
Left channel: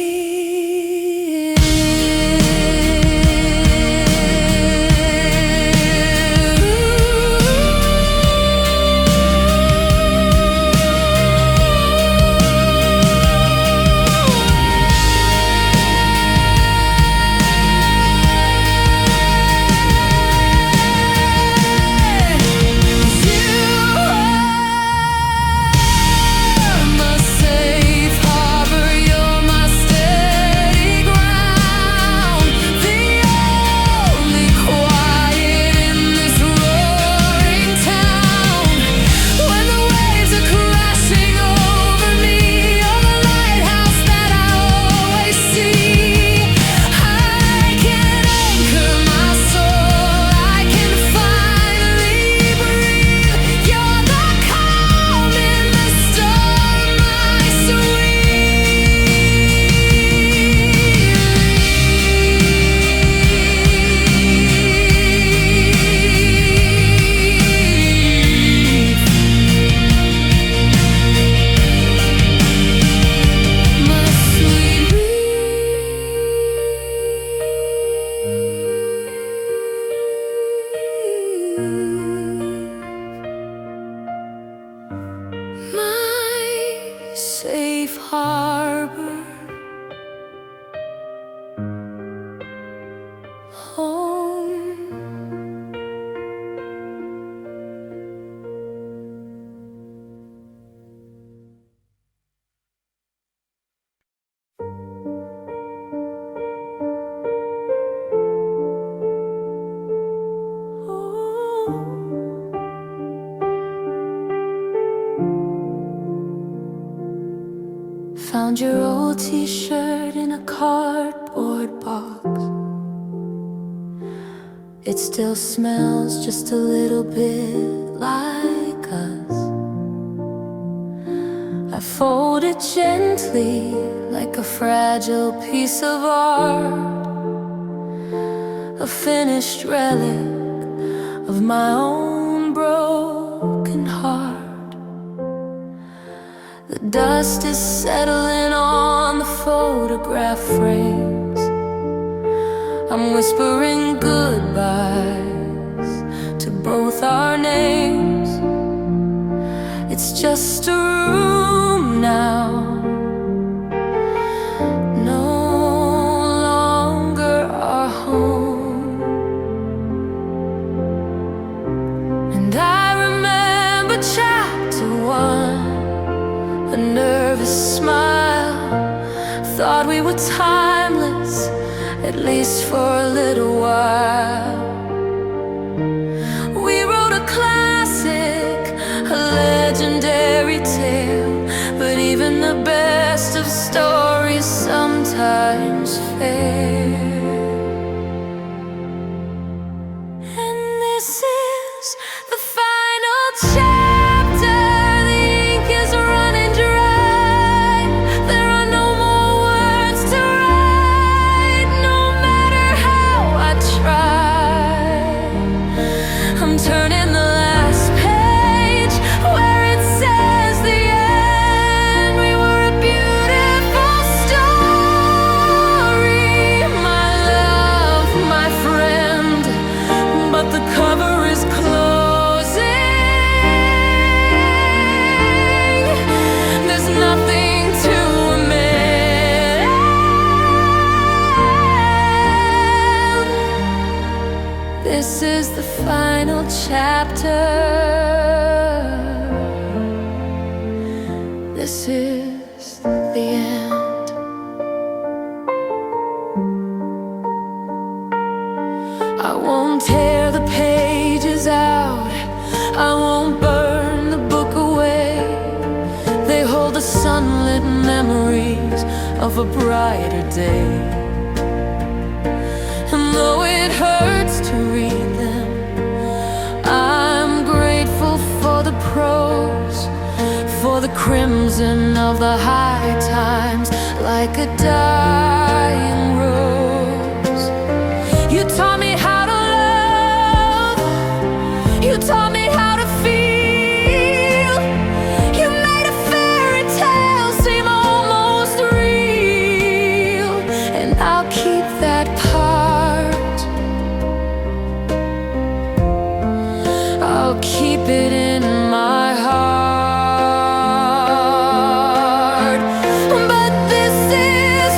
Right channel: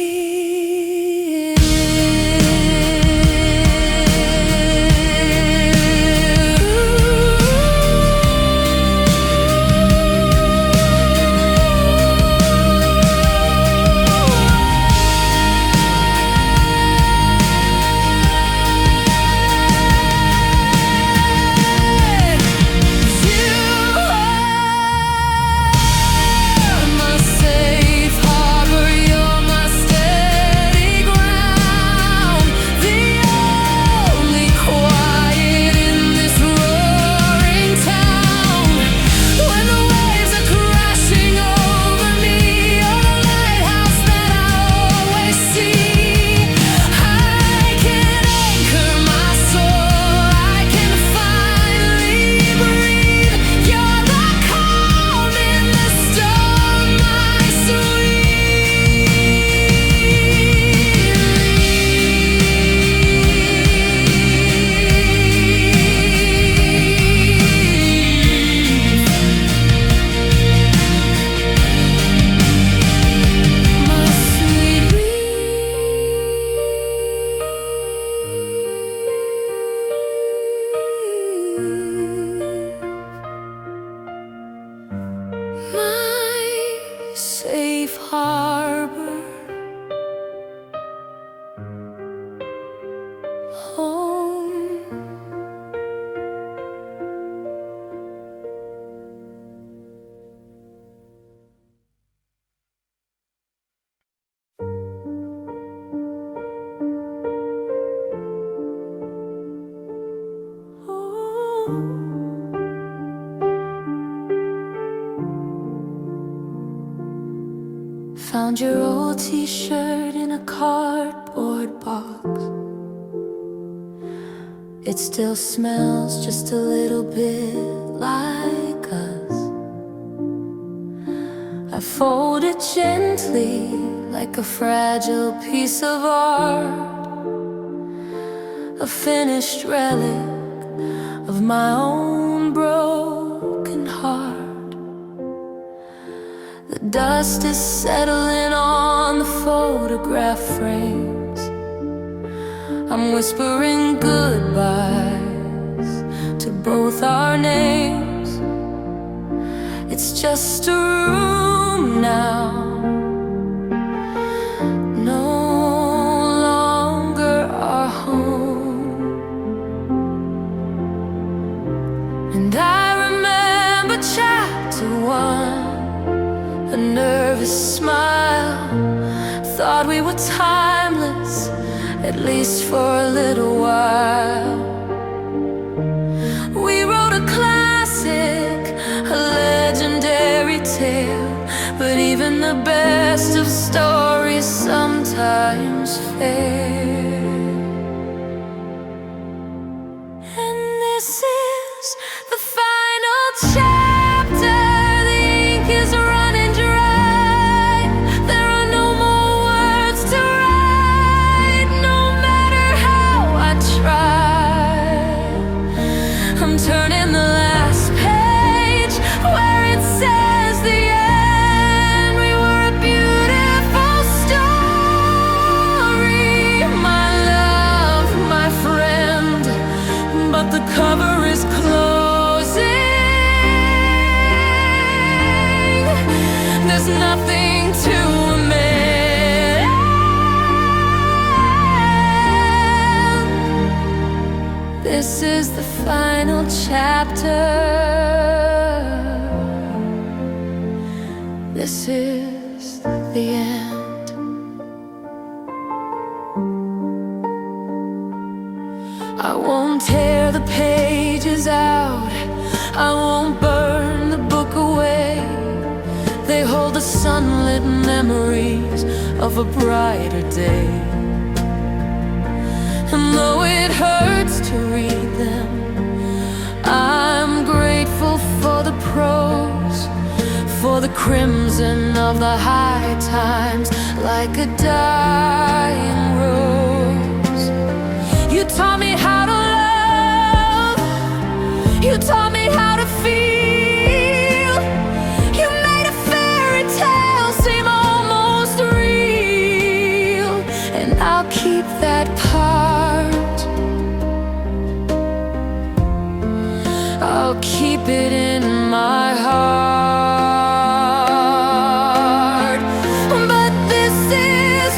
found your old t-shirt in a cardboard box. It still smells just a little bit like us. I fold it gently like a fragile piece of art, a finished relic of my own broken heart. The dust is settling on the photograph frames. I'm whispering goodbyes to both our names. It's just a room now, no longer our home. And I remember chapter 1, a nervous smile. Thought we were timeless, at least for a little while. We wrote a classic, a legendary tale, but even the best of stories sometimes fail. And this is the final chapter. The ink is running dry. There are no more words to write, no matter how I try. I'm turning the last page where it says the end. We were a beautiful story, my love, my friend, but the cover is closing. There's nothing to amend. This is the final chapter. This is the end. I won't tear the pages out, I won't burn the book away. They hold the sunlit memories of a brighter day. And though it hurts to read them, I'm grateful for the prose, for the crimson of the high times, like a dying rose. You taught me how to love, you taught me how to feel. You made a fairy tale seem almost real, and I'll keep that part. I'll keep it in my heart. But this is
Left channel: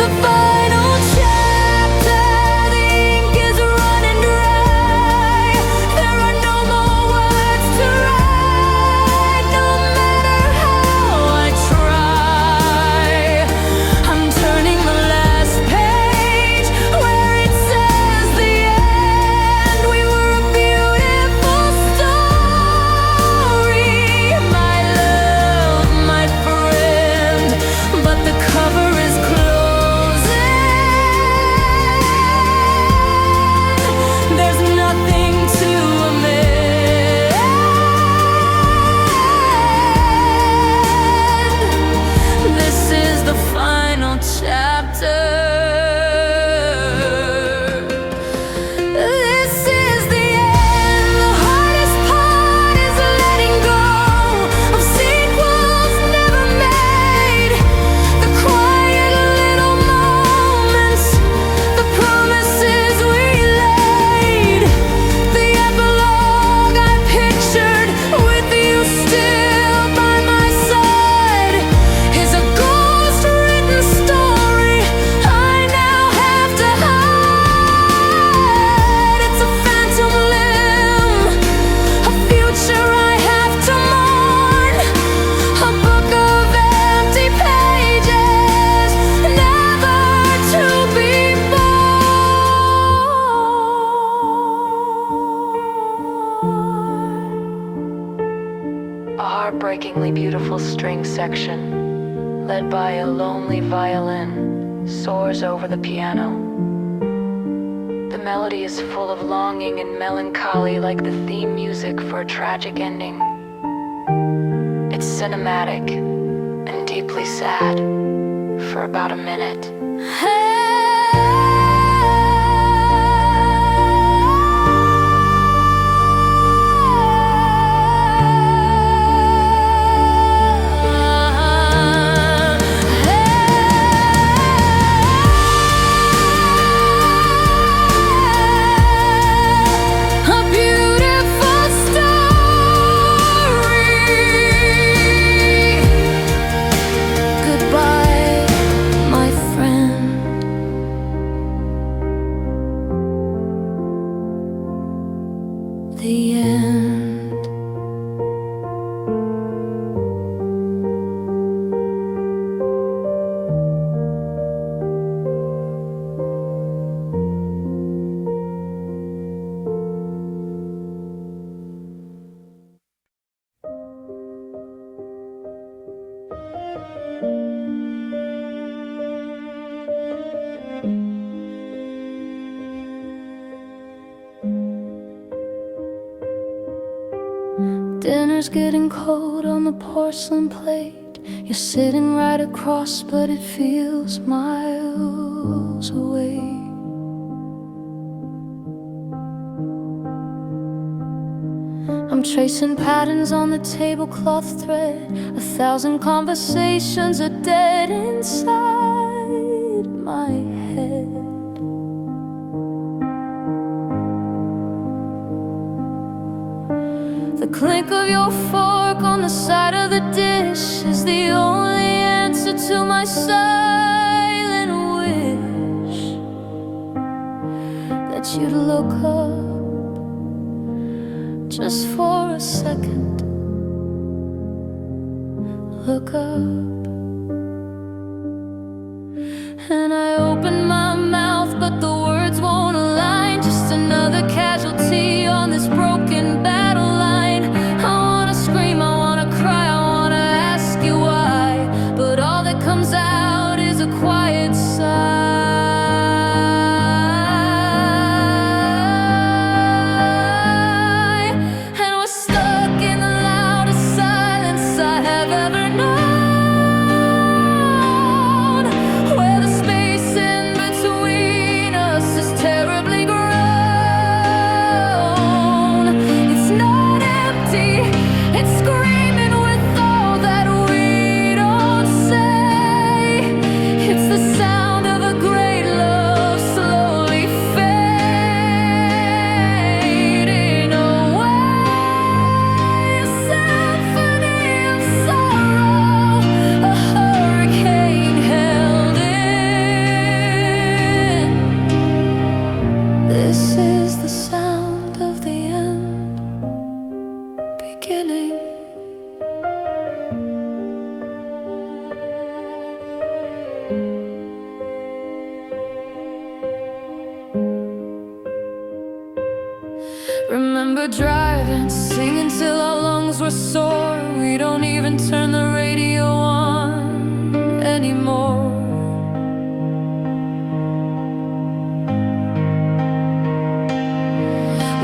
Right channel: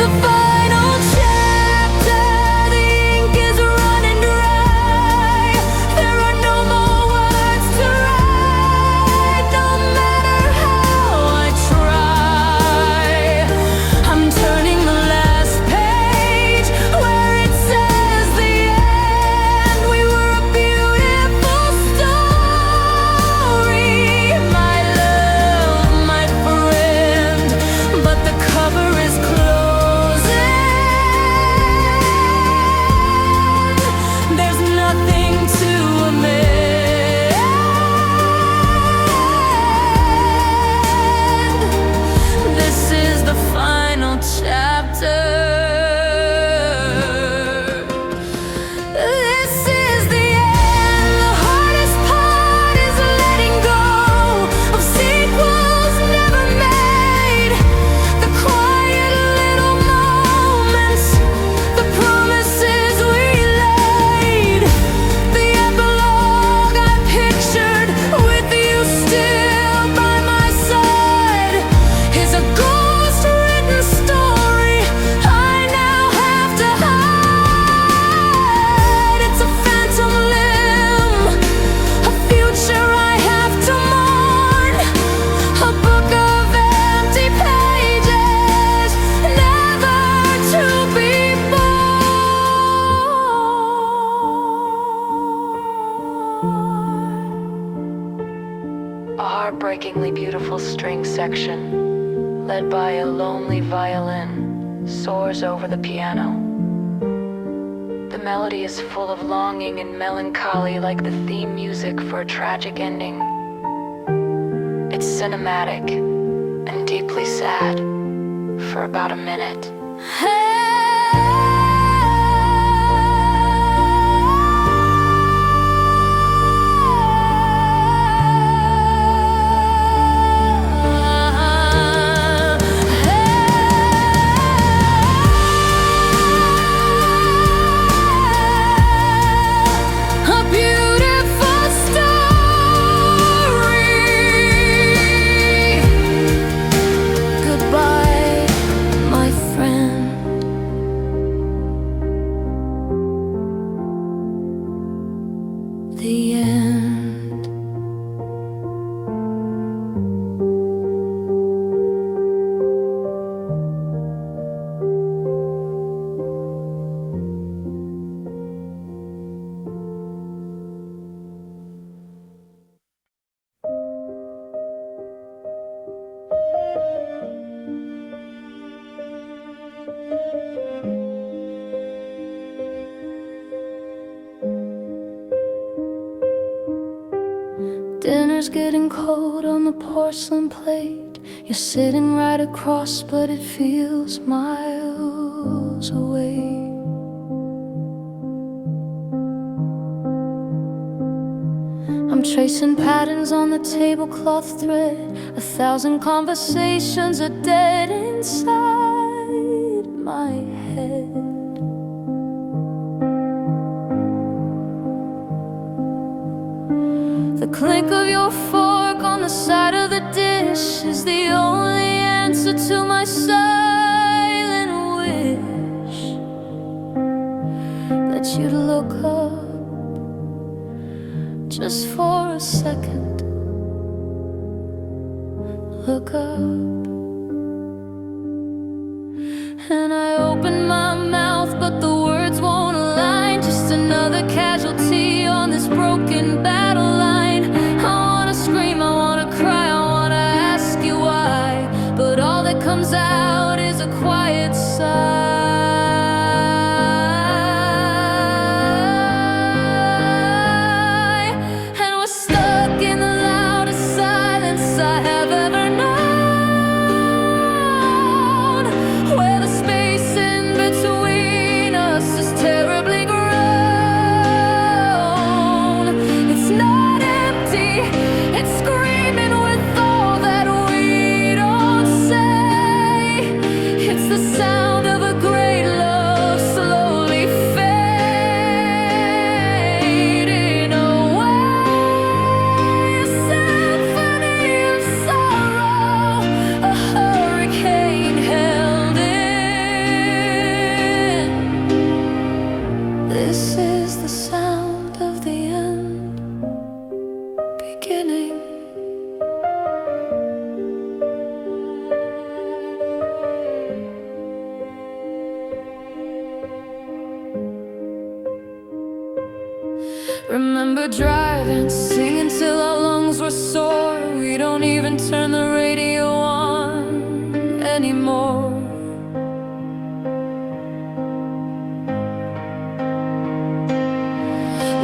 the final chapter. The ink is running dry. There are no more words to write, no matter how I try. I'm turning the last page where it says the end. We were a beautiful story, my love, my friend, but the cover is closing. There's nothing to amend. This is the final chapter. This is the end. The hardest part is letting go of sequels never made. The quiet little moments, the promises we laid. The epilogue I pictured with you still by my side is a ghost-written story I now have to hide. It's a phantom limb, a future I have to mourn, a book of empty pages, never to be born. A heartbreakingly beautiful string section, led by a lonely violin, soars over the piano. The melody is full of longing and melancholy, like the theme music for a tragic ending. It's cinematic and deeply sad for about a minute. The end. Dinner's getting cold on the porcelain plate. You're sitting right across, but it feels miles away. I'm tracing patterns on the tablecloth thread. 1,000 conversations are dead inside my head. The clink of your fork on the side of the dish is the only answer to my silent wish that you'd look up just for a second. Look up. And I open my mouth, but the words won't align. Just another casualty on this broken battle line. I wanna scream, I wanna cry, I wanna ask you why, but all that comes out is a quiet sigh. And we're stuck in the loudest silence I have ever known, where the space in between us is terribly grown. It's not empty, it's screaming with all that we don't say. It's the sound of a great love slowly fading away. A symphony of sorrow, a hurricane held in. This is the sound of the end beginning. Remember driving, singing till our lungs were sore. We don't even turn the radio on anymore.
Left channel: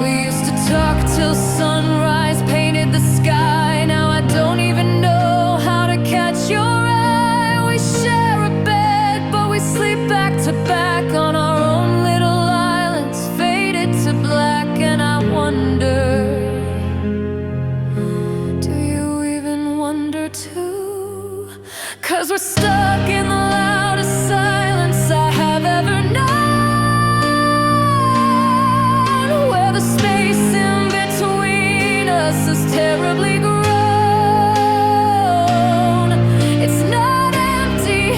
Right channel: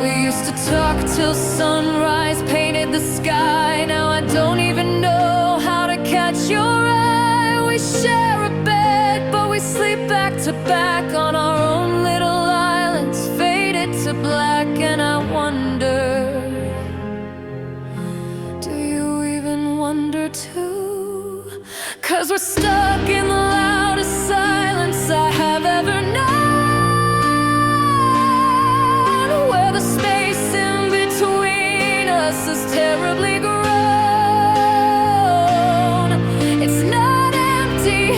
We used to talk till sunrise painted the sky. Now I don't even know how to catch your eye. We share a bed, but we sleep back to back on our own little islands, faded to black. And I wonder, do you even wonder too? 'Cause we're stuck in the loudest silence I have ever known, where the space in between us is terribly grown. It's not empty,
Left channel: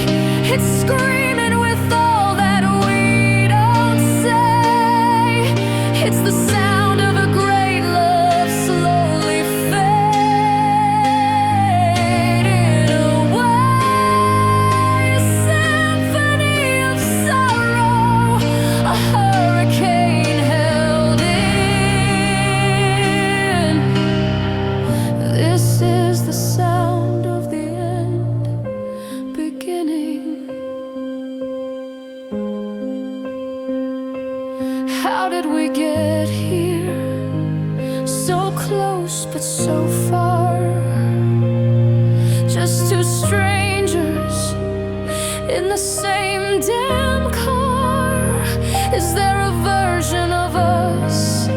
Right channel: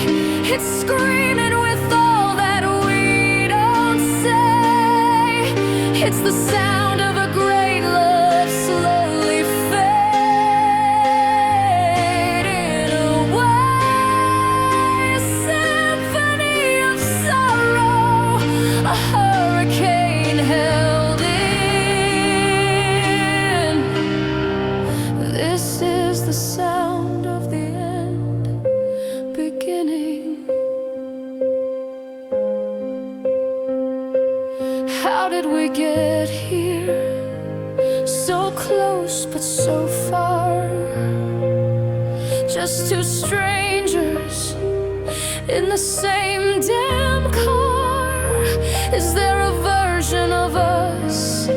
it's screaming with all that we don't say. It's the sound of a great love slowly fading away. A symphony of sorrow, a hurricane held in. This is the sound of the end How did we get here? So close but so far. Just two strangers in the same damn car. Is there a version of us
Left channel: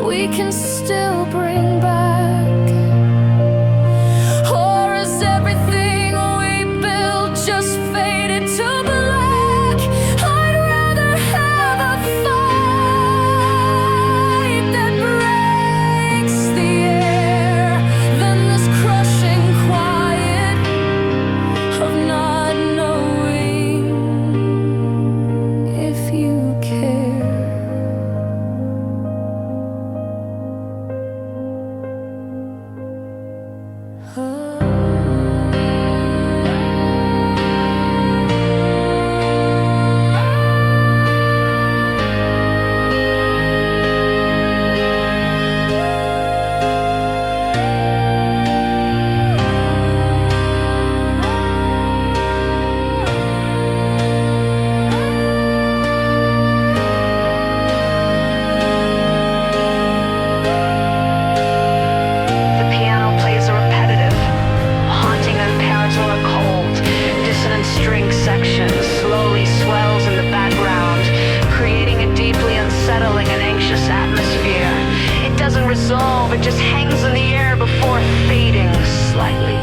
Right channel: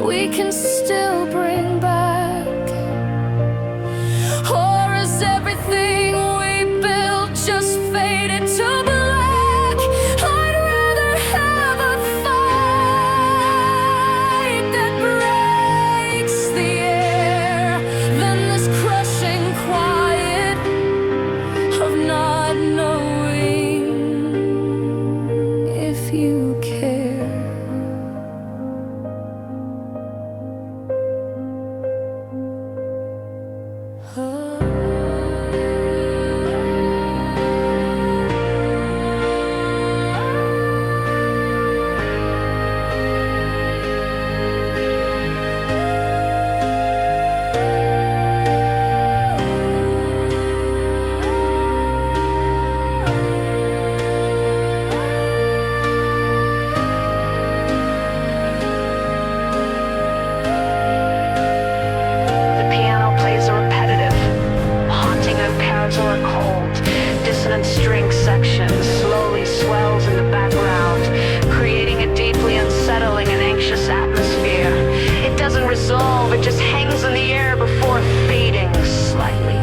we can still bring back? Or is everything we built just faded to black? I'd rather have a fight that breaks the air than this crushing quiet of not knowing if you care. Or cold, dissonant string section slowly swells in the background, creating a deeply unsettling and anxious atmosphere. It doesn't resolve, it just hangs in the air before fading slightly.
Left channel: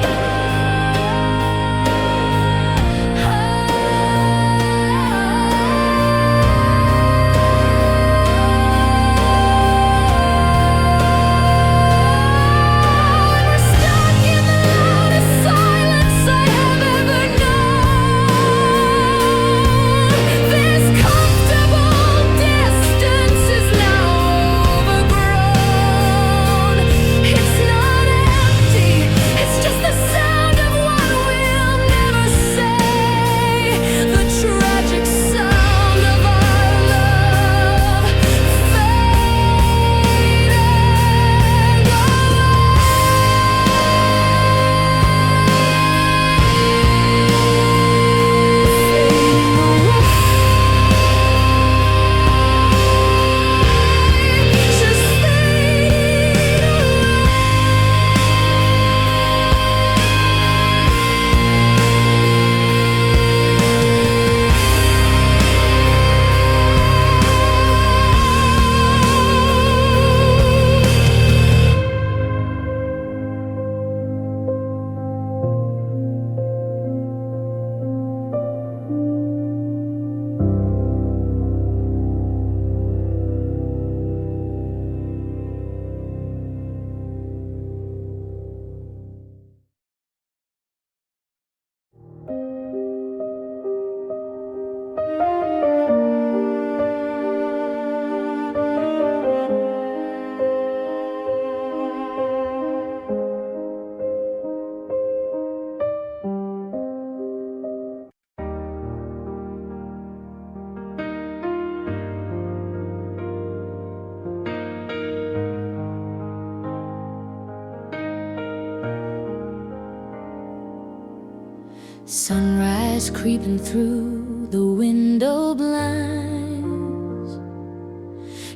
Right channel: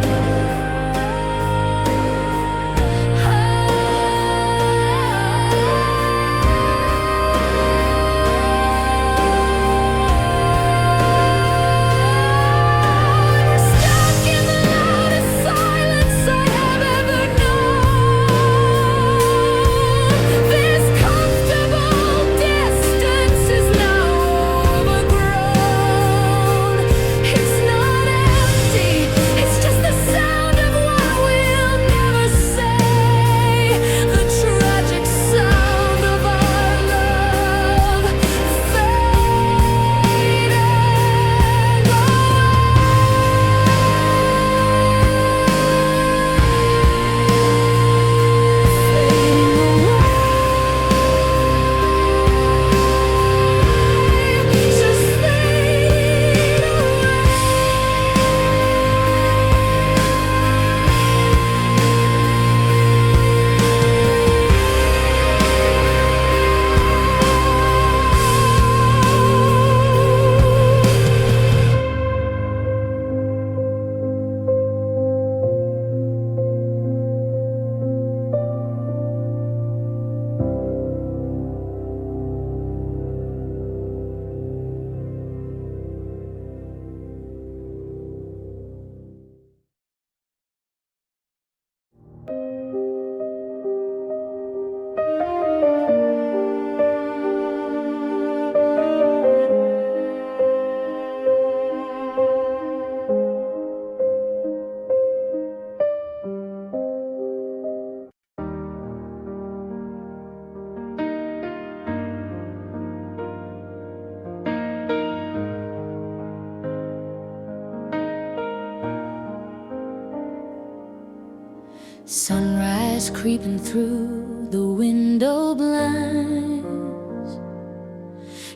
Sunrise creeping through the window blinds.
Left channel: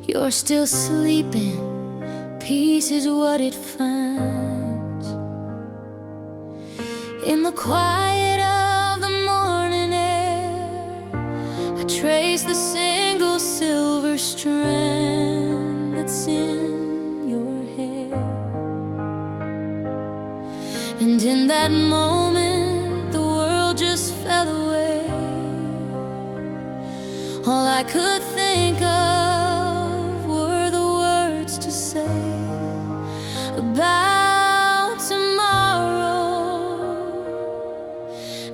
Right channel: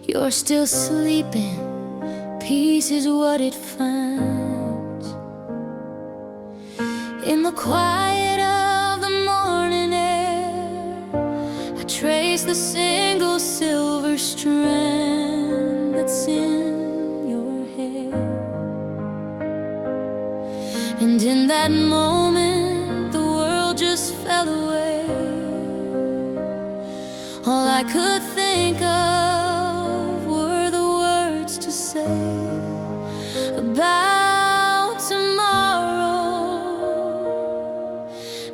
You're still sleeping, peace is what it finds. In the quiet of the morning air, I trace the single silver strand that's in your hair. And in that moment, the world just fell away. All I could think of were the words to say about tomorrow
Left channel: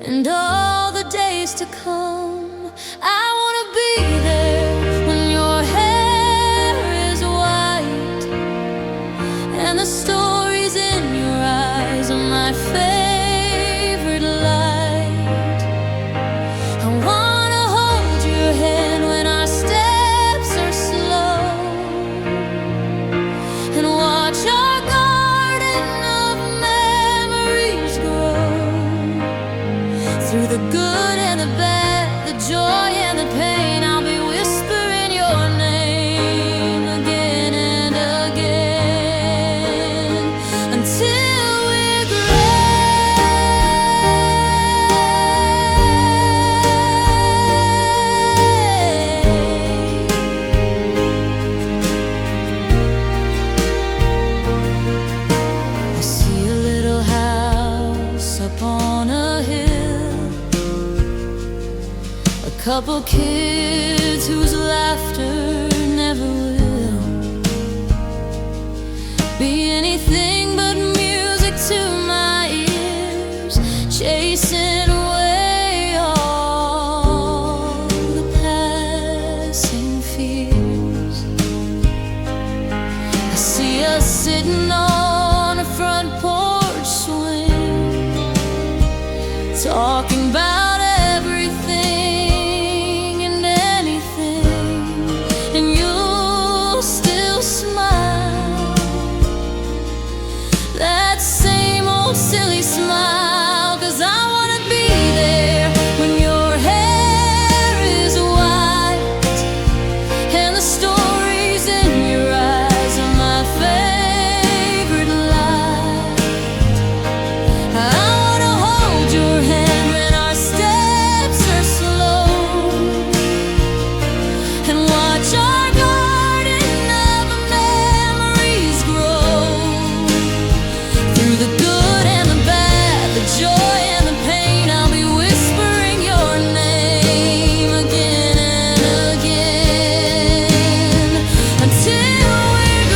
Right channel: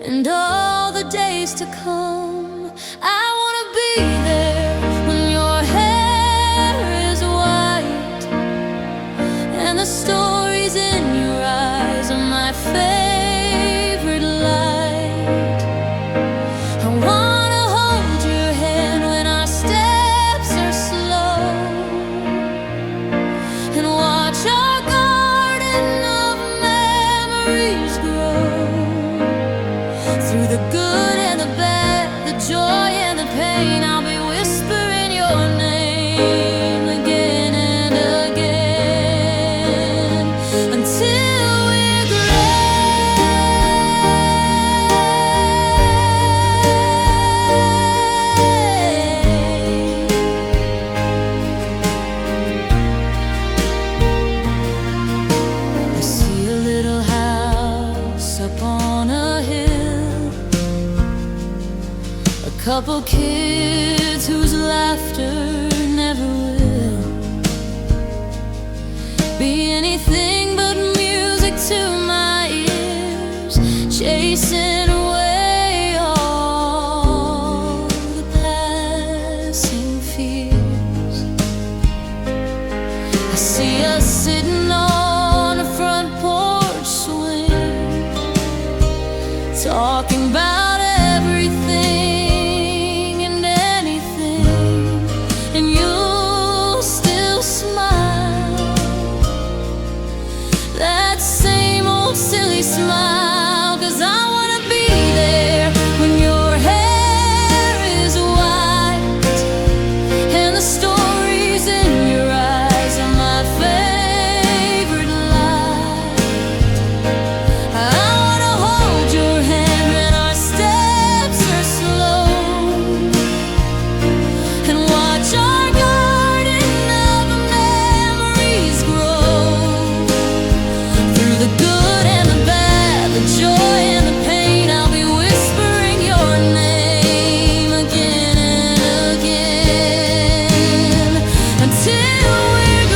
and all the days to come. I wanna be there when your hair is white and the stories in your eyes are my favorite light. I wanna hold your hand when our steps are slow and watch our garden of memories grow. Through the good and the bad, the joy and the couple kids whose laughter never will be anything but music to my ears, chasing away all the passing fears. I see us sitting on a front porch swing, talking about everything and anything, and you'll still smile, that same old silly smile, 'cause I wanna be there when your hair is white and the stories in your eyes are my favorite light. I wanna hold your hand when our steps are slow and watch our garden of memories grow. Through the good and the bad, the joy and the pain, I'll be whispering your name again and again until we're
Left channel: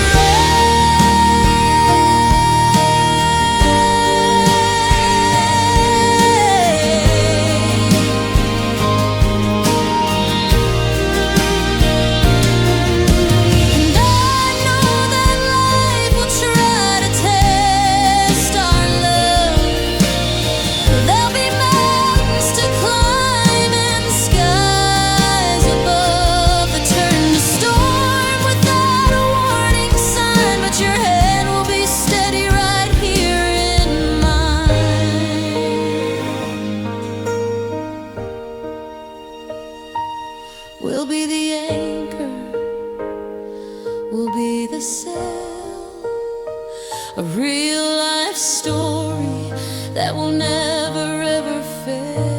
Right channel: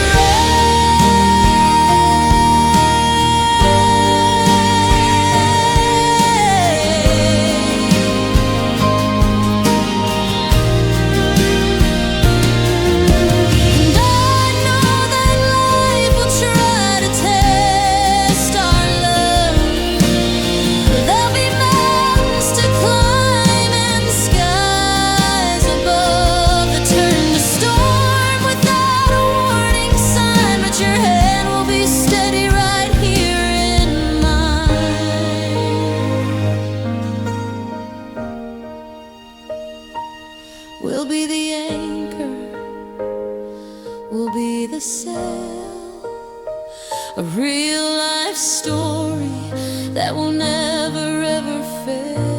And I know that life will try to test our love. There'll be mountains to climb and skies above that turn to storm without a warning sign, but your hand will be steady right here in mine. We'll be the anchor, we'll be the sail, a real life story that will never ever fail.